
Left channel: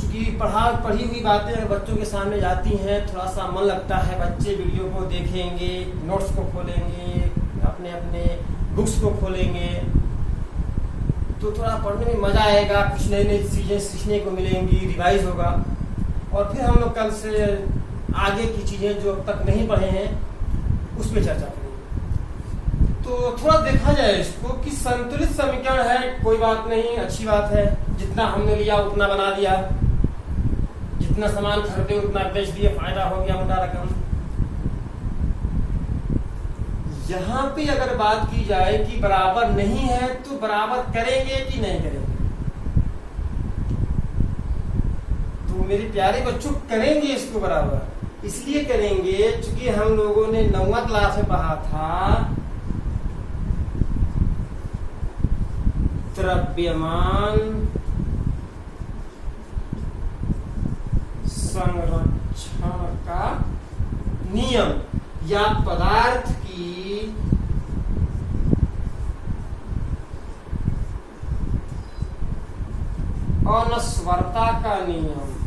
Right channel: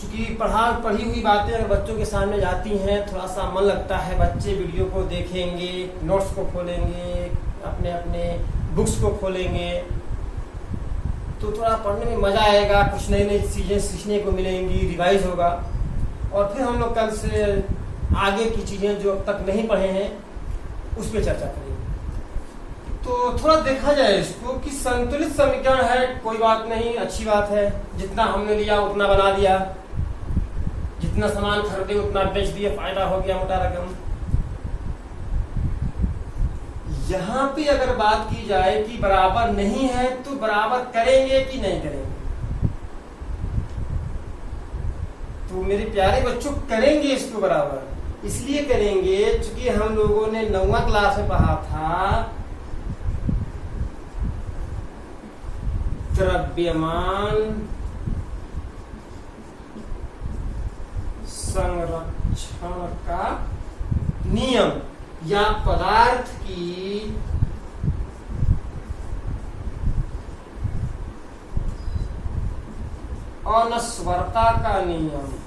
चूंकि पढ़ी हुई बातें अगर बच्चों के सामने जाती हैं, थोड़ा सा मन लगता है, बच्चे वीडियो को देखेंगे, नोट्स को खोलेंगे, अपने अपने बुक्स को खोलेंगे, तो थोड़ा पढ़ने में मजा आएगा, कुछ नई नई चीजें सीखने को मिलेंगी, रिवाइज होगा, और फिर हम लोग कल से आगे की चीजें जो अब तक नहीं पढ़े हैं उस पर चर्चा करेंगे। तो थोड़ा देखा जाए इसको कि संतुलित समीकरण है, कोई बात नहीं, अच्छी बात है, जितना हमने लिया उतना बना लिया, जितना सामान खरीदे उतना बेच दिए, फायदा हो गया मोटा रकम। यहां पे अगर बात की जाए कि बराबर नहीं है तो बराबर करेंगे कि नहीं करेंगे, तो मेरे प्यारे बच्चों करेंगे इसको बराबर। इसलिए करेंगे क्योंकि हम लोगों ने 9वीं क्लास में पढ़ा था द्रव्यमान संरक्षण का नियम या पदार्थ की अनस्वरता का नियम।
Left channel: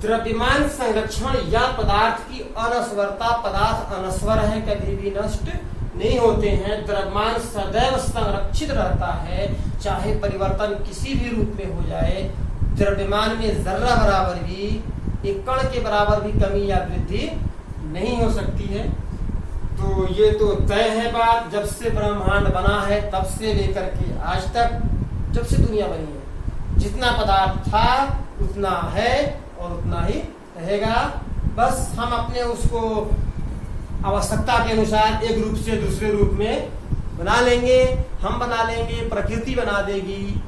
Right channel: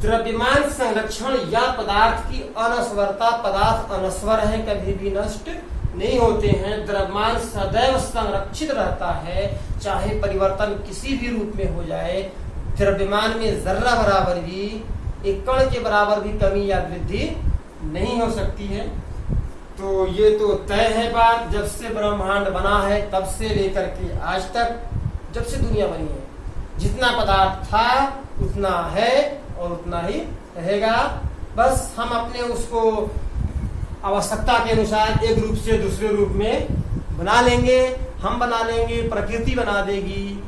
द्रव्यमान संरक्षण या पदार्थ की अनस्वरता, पदार्थ अनस्वर है, कभी भी नष्ट नहीं होते हैं, द्रव्यमान सदैव संरक्षित रहता है, चाहे परिवर्तन किसी भी रूप में हो जाए, द्रव्यमान में जर्रा बराबर भी, एक कण के बराबर भी कमी या वृद्धि नहीं हो सकती है। तो ये तो तय है बात, जब से ब्रह्मांड बना है तब से लेकर के आज तक, जब से दुनिया बनी है, जितना पदार्थ था उतना है और उतना ही रहेगा। बस हम अपने उसको आवश्यकता के अनुसार एक रूप से दूसरे रूप में बना लेंगे, हम बना लेंगे, प्रकृति बना देगी,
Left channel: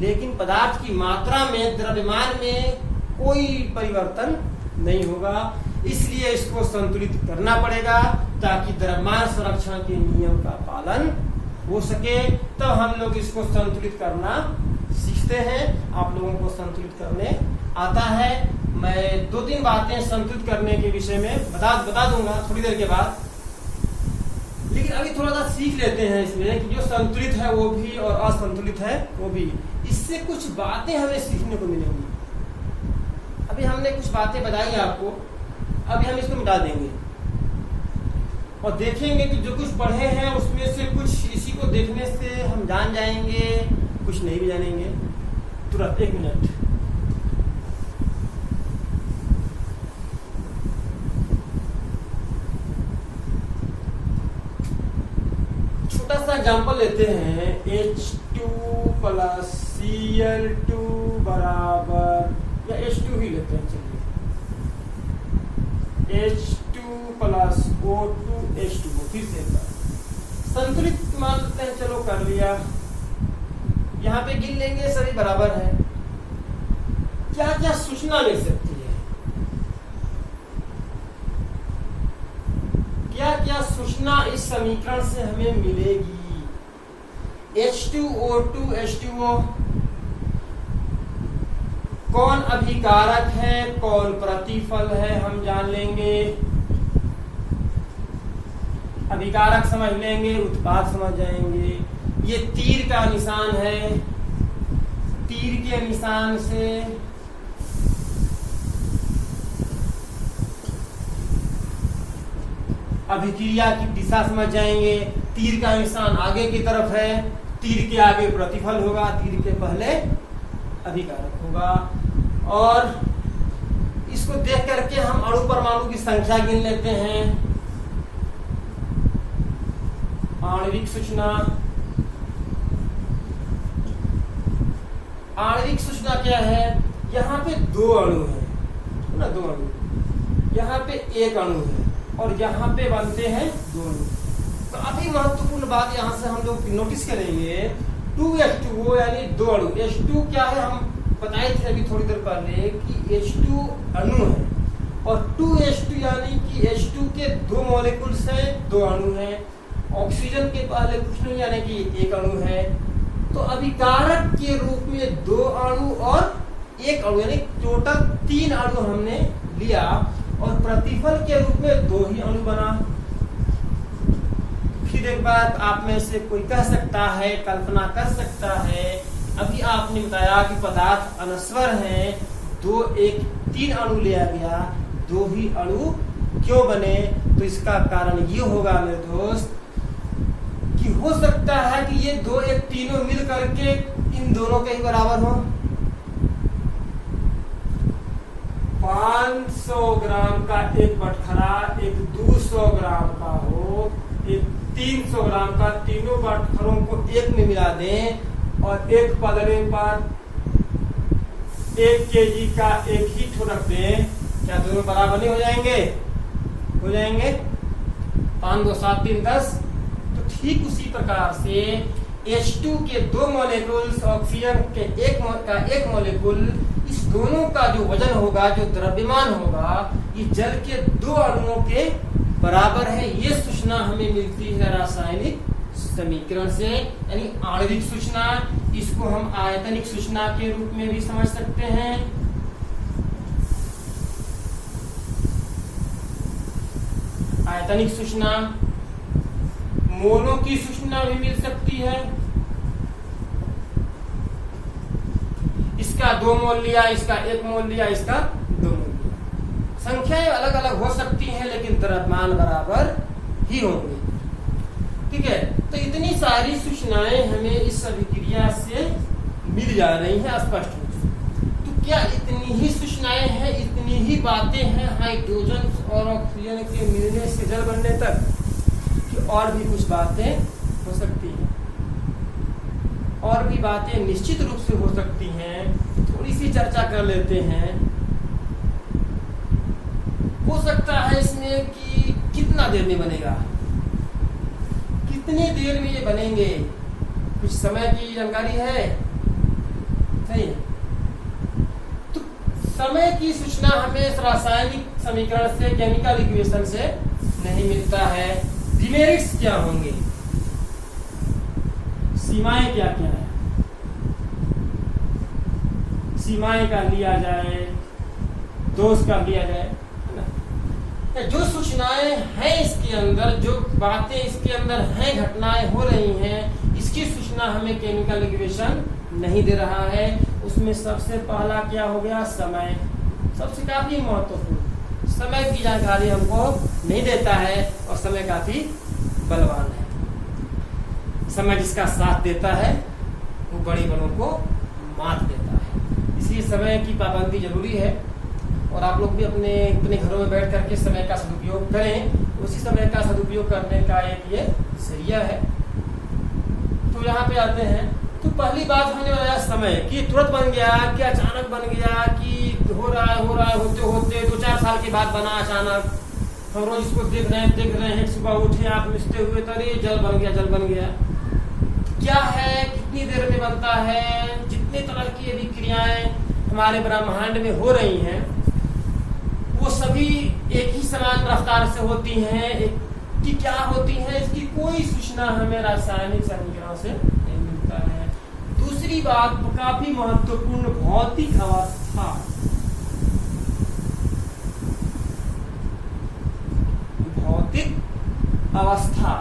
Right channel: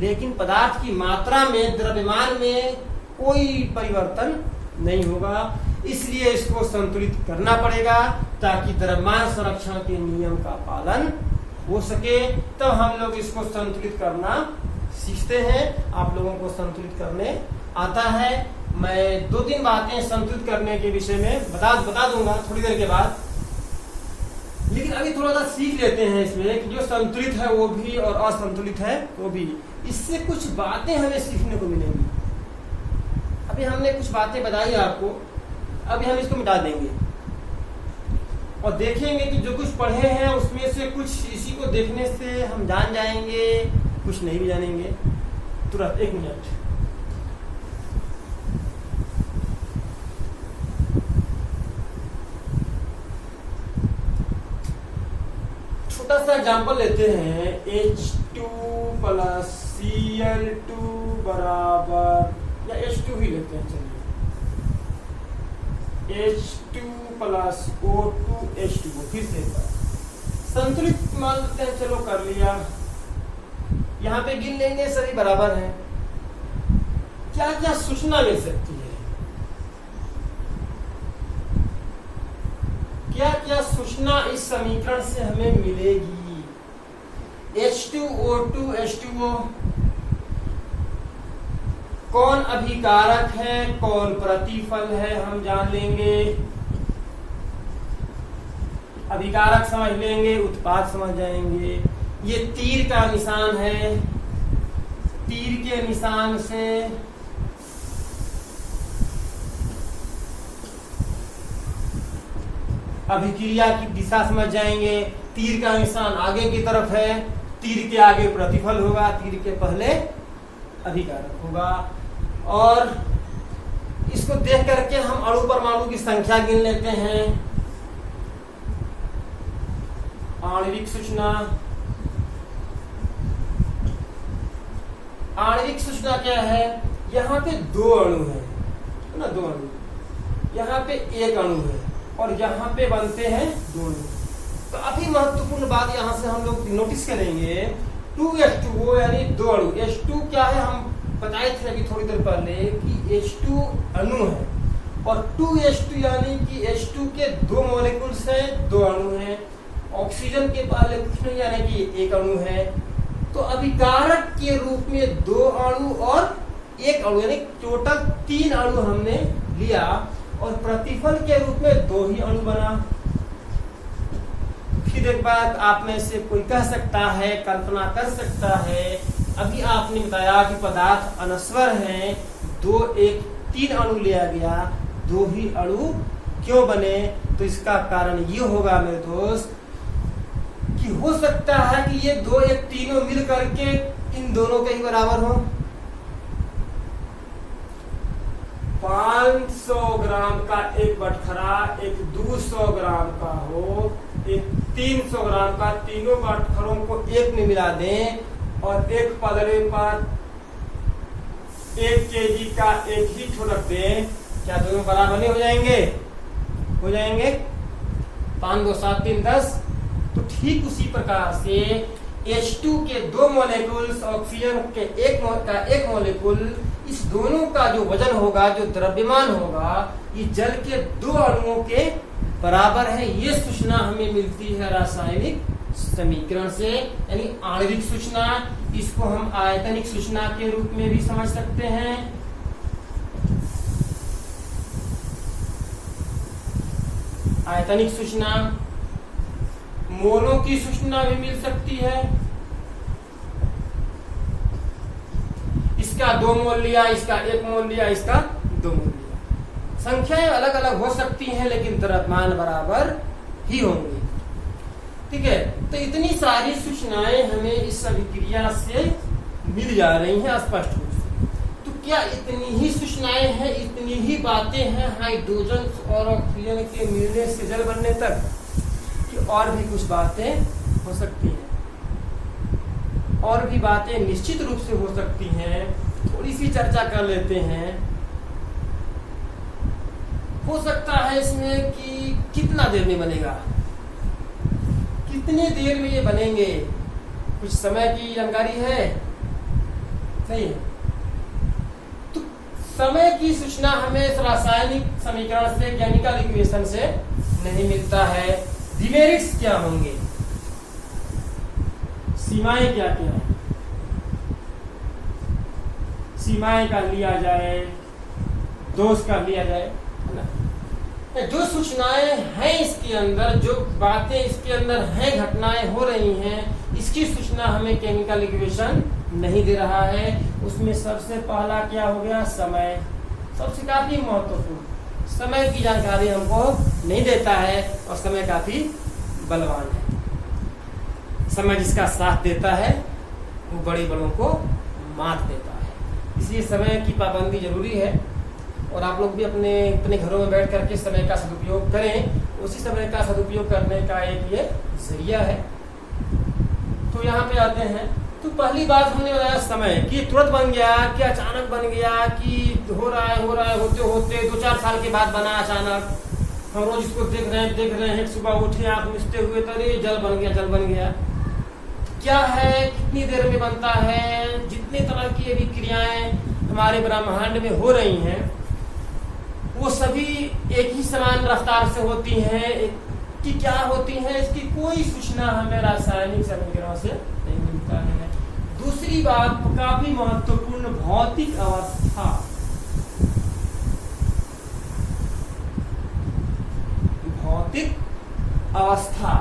लेकिन पदार्थ की मात्रा में, द्रव्यमान में कोई परिवर्तन नहीं होगा। इसलिए इसको संतुलित करना पड़ेगा ताकि द्रव्यमान संरक्षण के नियम का पालन हो सके। तब हम लोग इसको संतुलित करना सीखते हैं। आप लोगों को संतुलित करने आता है। मैं 2-3 बातें संतुलित करने के विषय में बता दूंगा थोड़ी देर के बाद, लेकिन अभी थोड़ा सा सीख लेते हैं इसमें कि जो संतुलित है वो भी और असंतुलित है वो भी। इससे कुछ बातें हमें सीखने को मिलेंगी। अभी हमने कुछ बातें बताई आपको, अभी हम इसको मिटा देंगे और देखेंगे कि जो कुछ पढ़े हैं उसमें से कुछ इसी को देखने से हम जान जाएंगे, कुछ नहीं भी जानेंगे। तुरंत 1 मिनट। छोटा सा एग्जाम्पल लेते हैं, H2 + Cl2 बराबर, या H2 ही लेते हैं, चलिए H2 + O2 H2O। फिर से एक बार संतुलित मान लेते हैं, चलो कर लिया। यहाँ पे गिन लेंगे, सभी बराबर हैं। क्या क्या सूचना मिल सकती है, क्या क्या सूचना इस समीकरण से हमें मिलेगी? H2O2 H2O कौन अभिकारक है, कौन प्रतिफल है, हम जान लेंगे। अभिकारक समझ लेंगे, उत्पाद समझ जाएंगे। ये तीर का निशान है, तीर के निशान से अभिक्रिया की दिशा समझ जाएंगे। तीर का निशान आगे की तरफ है, तीर के आगे प्रतिफल होगा, तीर के पहले अभिकारक होगा। और इसको देख करके हम अणु परमाणु की संख्या गिन लेते हैं। आणविक सूचना, आणविक सूचना क्या है? यहाँ पे 2 अणु है ना, 2 अणु, यहाँ पे 1 अणु है और यहाँ पे बनते हैं 2 अणु। तो अभी महत्वपूर्ण बात यहाँ से हम लोग नोटिस करेंगे, 2H2O यानी 2 अणु। H2 क्या है, हम बताए थे अभी थोड़ी देर पहले कि H2 अणु है, और 2H2 यानी कि H2 के 2 मॉलिक्यूल्स है, 2 अणु है। ऑक्सीजन के पहले कुछ नहीं यानी कि 1 अणु है। तो अभिकारक के रूप में 2 अणु और 1 अणु यानी टोटल 3 अणु हमने लिया, और प्रतिफल के रूप में 2 ही अणु बना। फिर एक बात आप में से कोई कह सकता है, कल्पना कर सकता है अभी आपने बताया कि पदार्थ अनस्वर है, 2 1 3 अणु लिया गया, 2 ही अणु क्यों बने? तो इसका कारण ये होगा मेरे दोस्त कि हो सकता है कि ये 2 1 तीनों मिल करके इन दोनों के ही बराबर हो। 500 ग्राम का एक बटखरा एक 200 ग्राम का हो, एक 300 ग्राम का, तीनों बटखरों को एक में मिला दें और एक पलड़े पर 1 केजी का एक ही ठोड़क दें, क्या दोनों बराबर नहीं हो जाएंगे? हो जाएंगे। 5 2 7 3 10। तो ठीक उसी प्रकार से H2 के 2 मॉलिक्यूल्स, ऑक्सीजन के एक मॉलिक्यूल, इस दोनों का जो वजन होगा, जो द्रव्यमान होगा, ये जल के 2 अणुओं के बराबर है। ये सूचना हमें मिलती है रासायनिक समीकरण से, यानी आणविक सूचना। इसको हम आयतनिक सूचना के रूप में भी समझ सकते हैं। आयतनिक सूचना, मोलों की सूचना भी मिल सकती है। इसका 2 मोल लिया, इसका 1 मोल लिया, इसका 2 मोल लिया। संख्याएं अलग अलग हो सकती हैं लेकिन द्रव्यमान बराबर ही होंगे। ठीक है, तो इतनी सारी सूचनाएं हमें इस अभिक्रिया से मिल जा रही हैं स्पष्ट रूप से। तो क्या इतनी ही सूचनाएं हैं, इतनी ही बातें हैं हाइड्रोजन और ऑक्सीजन के मिलने से जल बनने तक, कि और भी कुछ बातें हो सकती हैं? और भी बातें निश्चित रूप से हो सकती हैं। थोड़ी सी चर्चा कर लेते हैं। हो सकता है इसमें कि कितना देर में बनेगा, कितने देर में ये बनेंगे, कुछ समय की जानकारी है? नहीं। तो समय की सूचना हमें रासायनिक समीकरण से, केमिकल इक्वेशन से नहीं मिलता है। डिमेरिट्स क्या होंगे, सीमाएं क्या क्या है? सीमाएं का लिया जाए, दोष का लिया जाए, है ना? जो सूचनाएं हैं इसके अंदर, जो बातें इसके अंदर हैं, घटनाएं हो रही हैं, इसकी सूचना हमें केमिकल इक्वेशन नहीं दे रहा है। उसमें सबसे पहला क्या हो गया? समय। सबसे काफी महत्वपूर्ण, समय की जानकारी हमको नहीं देता है और समय काफी बलवान है। समय जिसका साथ देता है वो बड़े बलों को मात देता है। इसलिए समय की पाबंदी जरूरी है और आप लोग भी अपने घरों में बैठ करके समय का सदुपयोग करें। उसी समय का सदुपयोग करने का एक ये जरिया है। तो यहाँ पे आते हैं। तो पहली बात हमने बताया समय कि तुरंत बन गया, कि अचानक बन गया, कि हो रहा है होते होते 2-4 साल के बाद बना अचानक। हम रोज इसको देख रहे हैं। सुबह उठे आप मिलते हुए, अरे जल बन गया। क्या है, कितनी देर में बनता है? जितने तरह की अभिक्रियाएं हमारे ब्रह्मांड में हो रही हैं वो सभी एक ही समान रफ्तार से होती हैं। कि क्या होती है, इसकी कोई सूचना हमें रासायनिक समीकरण से नहीं मिलता है। दूसरी बात काफी महत्वपूर्ण, भौतिक अवस्था। भौतिक अवस्था,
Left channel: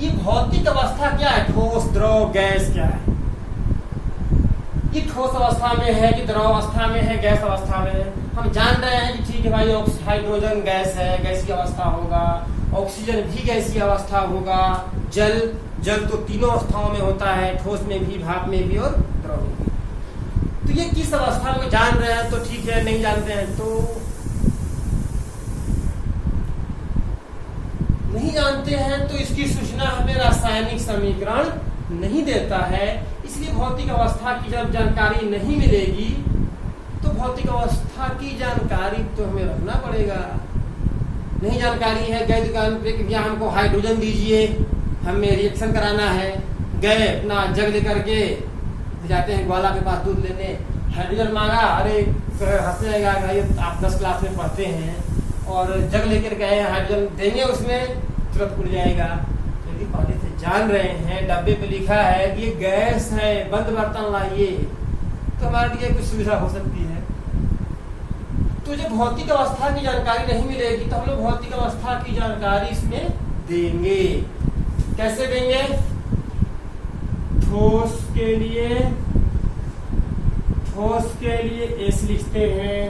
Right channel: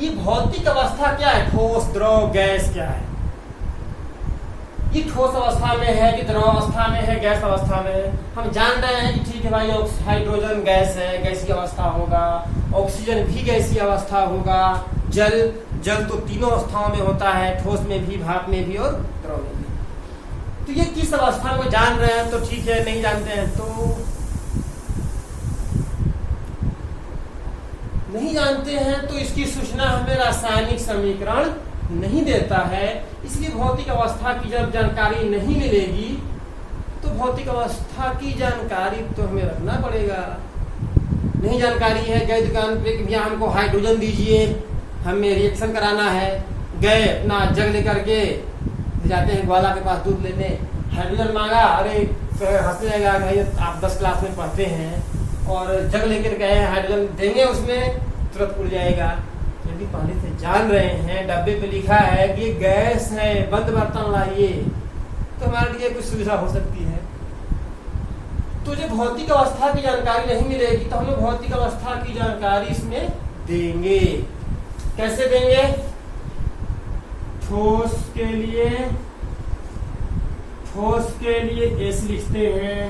ये भौतिक अवस्था क्या है? ठोस, द्रव, गैस क्या है? ये ठोस अवस्था में है कि द्रव अवस्था में है, गैस अवस्था में है? हम जान रहे हैं कि ठीक है भाई, हाइड्रोजन गैस है, गैसीय अवस्था होगा। ऑक्सीजन भी गैसीय अवस्था होगा। जल तो तीनों अवस्थाओं में होता है, ठोस में भी, भाप में भी और द्रव में भी। तो ये किस अवस्था में जान रहे हैं तो ठीक है, नहीं जानते हैं तो नहीं जानते हैं, तो इसकी सूचना हमें रासायनिक समीकरण नहीं देता है। इसलिए भौतिक अवस्था की जब जानकारी नहीं मिलेगी तो भौतिक अवस्था की जानकारी तो हमें रखना पड़ेगा। नहीं जानकारी है, गए दुकान पे कि भैया हमको हाइड्रोजन दीजिए, हमें रिएक्शन कराना है। गए अपना जग लेकर के जाते हैं ग्वाला के पास दूध लेने, हाइड्रोजन मांगा, अरे हंस जाएगा भाई आप 10 क्लास में पढ़ते हैं, और जग लेकर गए हाइड्रोजन देंगे उसमें तुरंत उड़ जाएगा। यदि पहले से जान रहे हैं, डब्बे पे लिखा है कि ये गैस है, बंद बर्तन लाइए, तो हमारे लिए कुछ सुविधा हो सकती है। तो जो भौतिक अवस्था की जानकारी नहीं मिलेगी तो हम लोग भौतिक अवस्था की जानकारी इसमें देंगे। कैसे देंगे? ठोस के लिए ठोस के लिए एस लिखते हैं,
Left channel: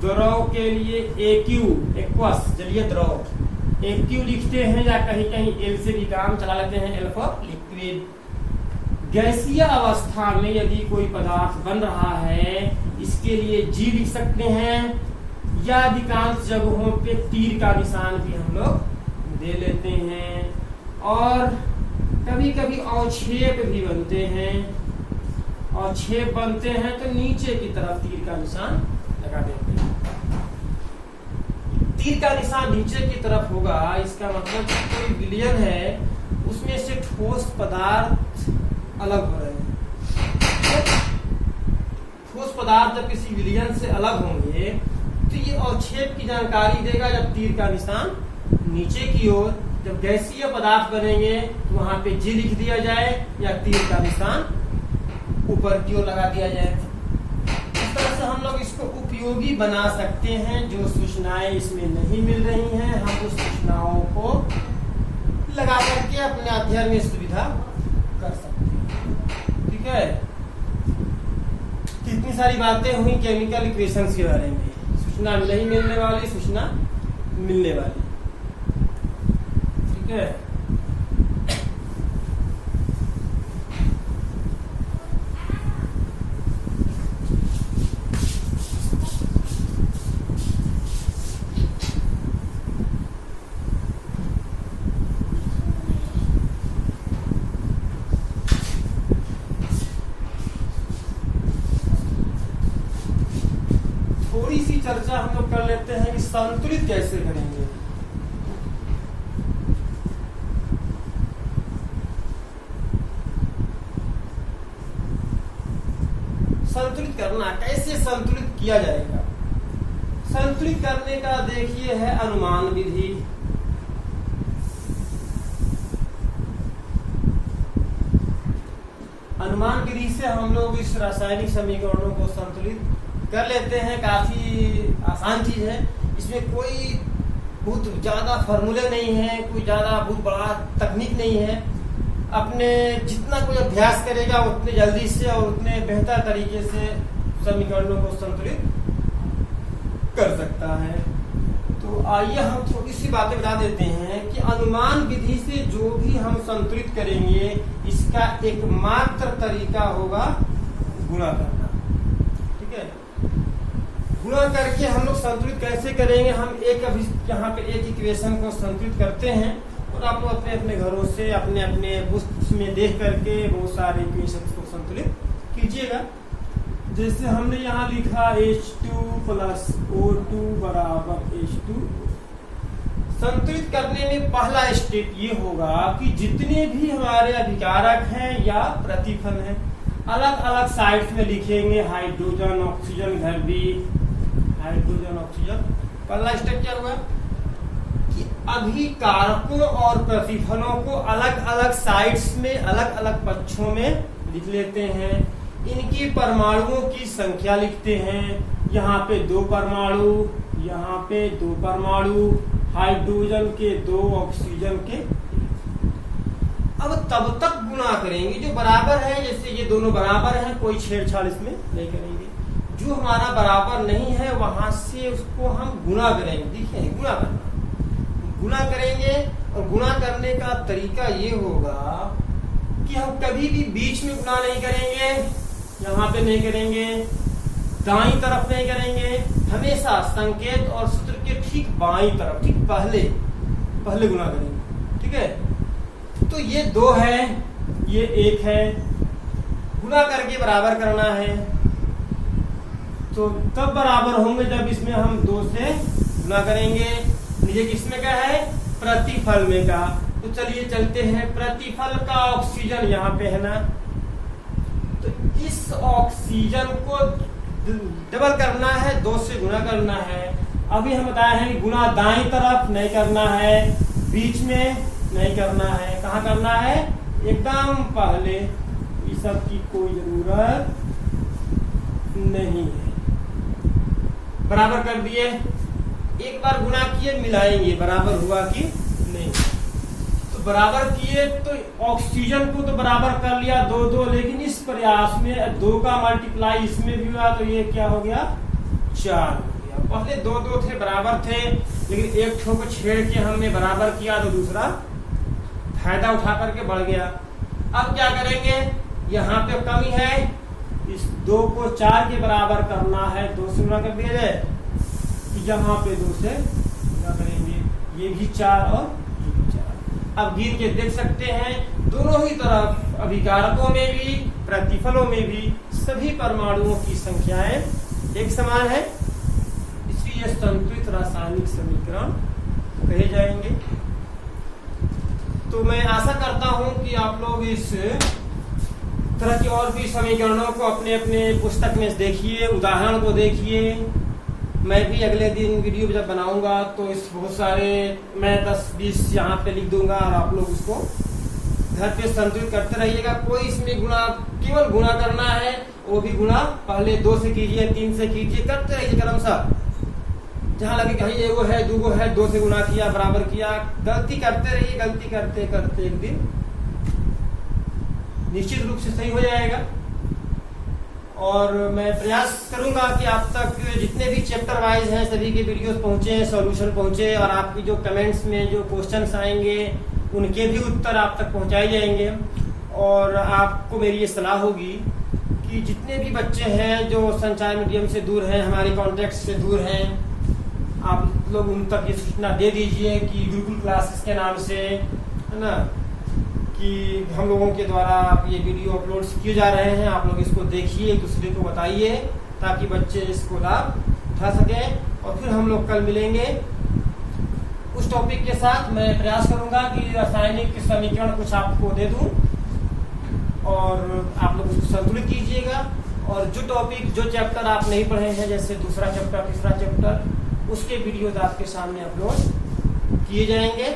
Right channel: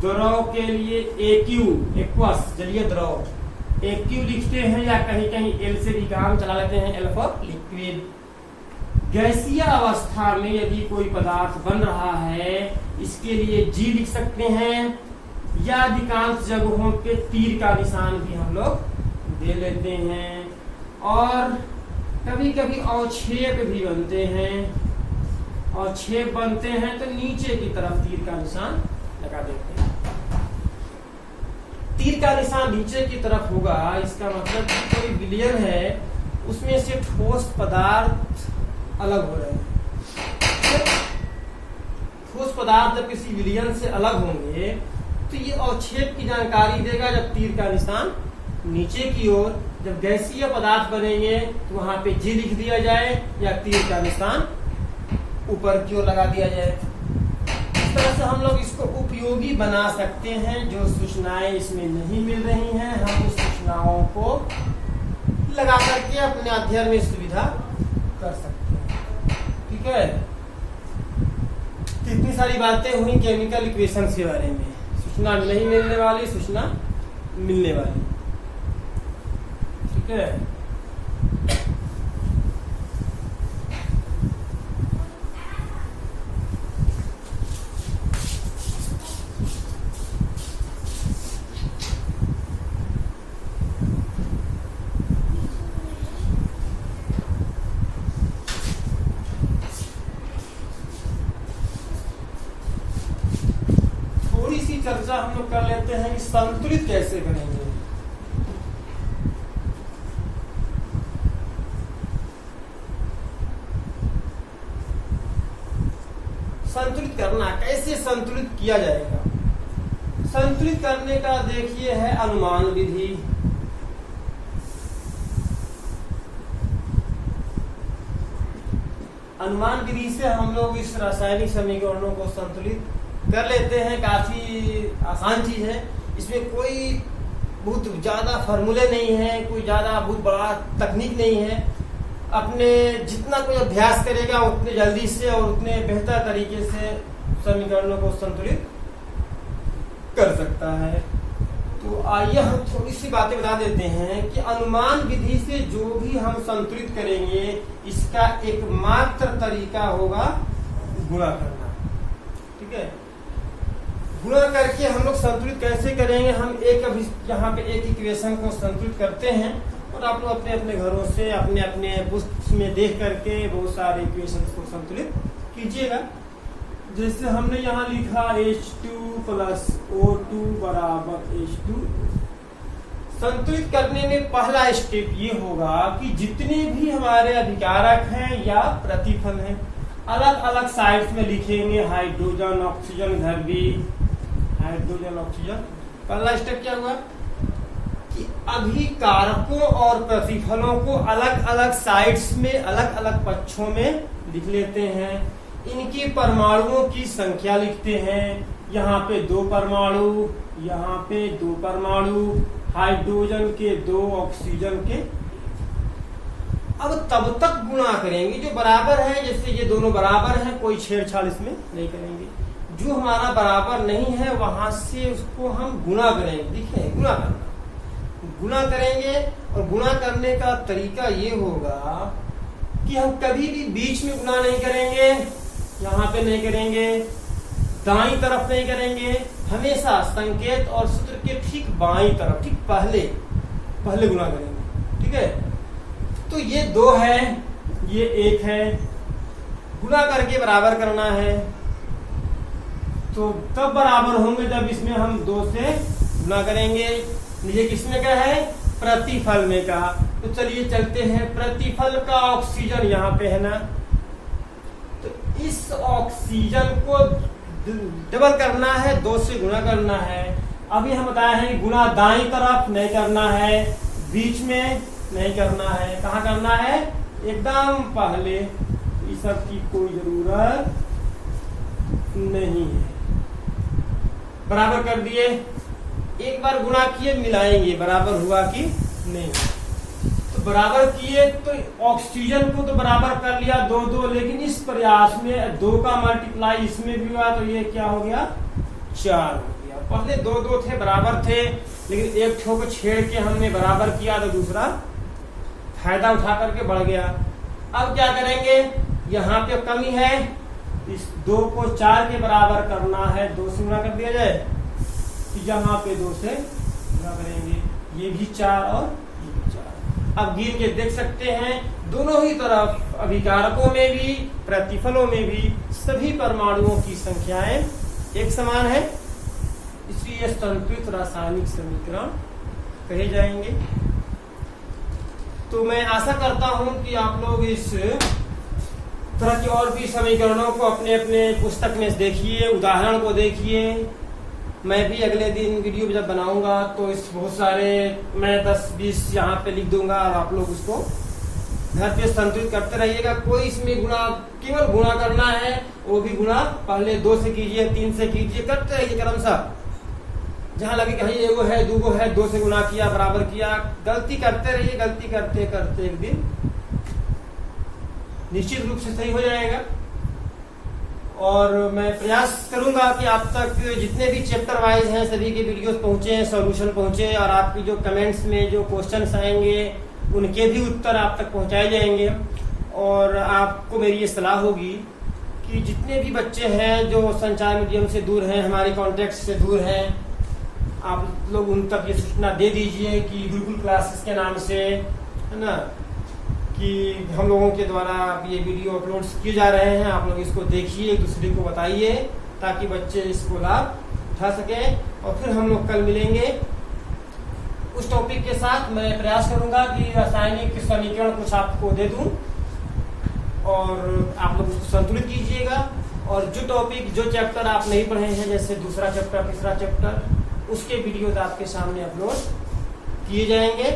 द्रव के लिए एक्यू, एक्वस जलीय द्रव एक्यू लिखते हैं, या कहीं कहीं एल से भी काम चला लेते हैं, एल फॉर लिक्विड। गैसीय अवस्था में यदि कोई पदार्थ बन रहा है इसके लिए जी लिख सकते हैं, या अधिकांश जगहों पे तीर का निशान भी हम लोग दे लेते हैं, और कभी कभी अवक्षेप भी बनते हैं। अवक्षेप बनते हैं तो नीचे की तरफ तीर का निशान लगा देते हैं। तीर का निशान नीचे की तरफ होगा, इसका मतलब कोई विलयन है उसमें से ठोस पदार्थ अलग हो रहे हैं। ठोस पदार्थ जब किसी विलयन से अलग होंगे तो ये अवक्षेप की जानकारी देगा जब तीर का निशान नीचे की ओर। जब गैसीय पदार्थ बनेंगे तो वहां पे जी लिख दिया जाए, या तीर का निशान ऊपर की ओर लगा दिया जाए। इस तरह से हम लोग इसको उपयोगी बना सकते हैं। जो सूचनाएं इसमें नहीं मिल रही हैं हम उस सूचनाओं को लगा करके अपने अध्ययन में सुविधा कर सकते हैं। ठीक है, कितनी सारी बातें हुई केमिकल इक्वेशन के बारे में। सूचना नहीं मिलने वाली, सूचना मिलने वाली। ठीक है, थोड़ी सी चर्चा हम लोग कर लेते हैं कि संतुलित कैसे करेंगे। संतुलित करना कैसे संतुलित किया जाएगा। संतुलित करने का देखिए है अनुमान विधि। अनुमान विधि से हम लोग इस रासायनिक समीकरणों को संतुलित कर लेते हैं। काफी आसान चीज है, इसमें कोई बहुत ज्यादा फॉर्मूले नहीं है, कोई ज्यादा बहुत बड़ा तकनीक नहीं है। अपने जितना कोई अभ्यास करेगा उतने जल्दी से और उतने बेहतर तरीके से समीकरणों को संतुलित कर सकता है। तो आइए हम थोड़ी सी बातें बता देते हैं कि अनुमान विधि से जो भी हम संतुलित करेंगे इसका एकमात्र तरीका होगा गुणा करना। ठीक है, गुणा करके हम लोग संतुलित कैसे करेंगे। हम यहाँ पे एक इक्वेशन को संतुलित करते हैं और आप लोग अपने अपने घरों से अपने अपने बुक्स में देख करके बहुत सारे इक्वेशन को संतुलित कीजिएगा। जैसे हमने यहाँ लिखा H2 प्लस O2 बराबर H2। संतुलित करने में पहला स्टेप ये होगा कि जितने भी हमारे अभिकारक हैं या प्रतिफल हैं अलग अलग साइड्स में लिखेंगे। हाइड्रोजन ऑक्सीजन घर भी हाइड्रोजन ऑक्सीजन। पहला स्टेप क्या हुआ कि अभिकारकों और प्रतिफलों को अलग अलग साइड्स में अलग अलग पक्षों में लिख लेते हैं। इनकी परमाणुओं की संख्या लिखते हैं। यहाँ पे 2 परमाणु, यहाँ पे 2 परमाणु, हाइड्रोजन के 2, ऑक्सीजन के। अब तब तक गुणा करेंगे जो बराबर है। जैसे ये दोनों बराबर हैं, कोई छेड़छाड़ इसमें नहीं करेंगे। जो हमारा बराबर नहीं है वहां से उसको हम गुणा करेंगे। देखिए, गुणा करना, गुणा करेंगे। और गुणा करने का तरीका ये होगा कि हम कभी भी बीच में गुणा नहीं करेंगे, यहाँ पे नहीं करेंगे, दाईं तरफ नहीं करेंगे। हमेशा संकेत और सूत्र के ठीक बाईं तरफ, ठीक पहले गुणा करेंगे। ठीक है, तो ये 2 है, ये 1 है, गुणा करके बराबर करना है। तो तब बराबर होंगे जब इसमें हम 2 से गुणा करेंगे। नीचे किसमें का है, प्रतिफल में का। तो चलिए चलते हैं, प्रतिफल का ऑक्सीजन यहाँ पे है ना, तो इस ऑक्सीजन को डबल करना है, 2 से गुणा करना है। अभी हम बताए हैं गुणा दाईं तरफ नहीं करना है, बीच में नहीं करना है। कहाँ करना है, एकदम पहले। इस सब की कोई जरूरत नहीं है। बराबर कर दिए, एक बार गुणा किए, मिलाएंगे बराबर हुआ कि नहीं। तो तो बराबर किए तो ऑक्सीजन को तो बराबर कर लिया 2-2, लेकिन इस प्रयास में 2 का मल्टीप्लाई इसमें भी हुआ तो ये क्या हो गया 4 हो गया। पहले 2-2 थे बराबर थे, लेकिन एक ठो को छेड़ के हमने बराबर किया तो दूसरा फायदा उठा करके बढ़ गया। अब क्या करेंगे, यहाँ पे कमी है, इस 2 को 4 के बराबर करना है, 2 से गुना कर दिया जाए, यहाँ पे 2 से गुना करेंगे, ये भी 4 और ये भी 4। अब गिन के देख सकते हैं दोनों ही तरफ अभिकारकों में भी प्रतिफलों में भी सभी परमाणुओं की संख्याएं एक समान है, इसलिए संतुलित रासायनिक समीकरण कहे जाएंगे। तो मैं आशा करता हूं कि आप लोग इस तरह के और भी समीकरणों को अपने अपने पुस्तक में देखिए, उदाहरण को देखिए। मैं भी अगले दिन वीडियो जब बनाऊंगा तो इस बहुत सारे मैं 10-20 यहाँ पे लिख दूंगा और आप लोग उसको घर पे संतुलित करते रहिएगा। कोई इसमें गुणा, केवल गुणा करना है, वो भी गुणा पहले 2 से कीजिए, 3 से कीजिए, करते रहिए क्रमशः। जहां लगे कहीं एगो है 2 है, 2 से गुणा किया बराबर किया, गलती करते रहिए, गलती करते करते एक दिन निश्चित रूप से सही हो जाएगा। और मैं प्रयास करूंगा कि आप तक जितने भी चैप्टर वाइज हैं सभी के वीडियोस पहुंचे, सॉल्यूशन पहुंचे, और आपकी जो कमेंट्स में जो क्वेश्चंस आएंगे उनके भी उत्तर आप तक पहुंचाए जाएंगे। और आपको मेरी ये सलाह होगी कि जितने भी बच्चे हैं जो संचार मीडियम से दूर हैं, हमारे कॉन्टेक्ट से दूर हैं, आप लोग उन तक ये सूचना दे दीजिए कि गुरुकुल क्लासेस के नाम से, है ना, कि हम लोगों के द्वारा ये वीडियो अपलोड किए जा रहे हैं। आप लोग इसको देखिए, एक दूसरे को बताइए, ताकि बच्चे इसको लाभ उठा सकें। और फिर हम लोग कल मिलेंगे उस टॉपिक के साथ। मैं प्रयास करूंगा कि रासायनिक समीकरण कुछ आपको दे दूं और आप लोग उसको संतुलित कीजिएगा। और जो टॉपिक, जो चैप्टर आप नहीं पढ़े हैं, जैसे दूसरा चैप्टर, तीसरा चैप्टर, उसके वीडियोज आपके सामने अपलोड किए जाएंगे।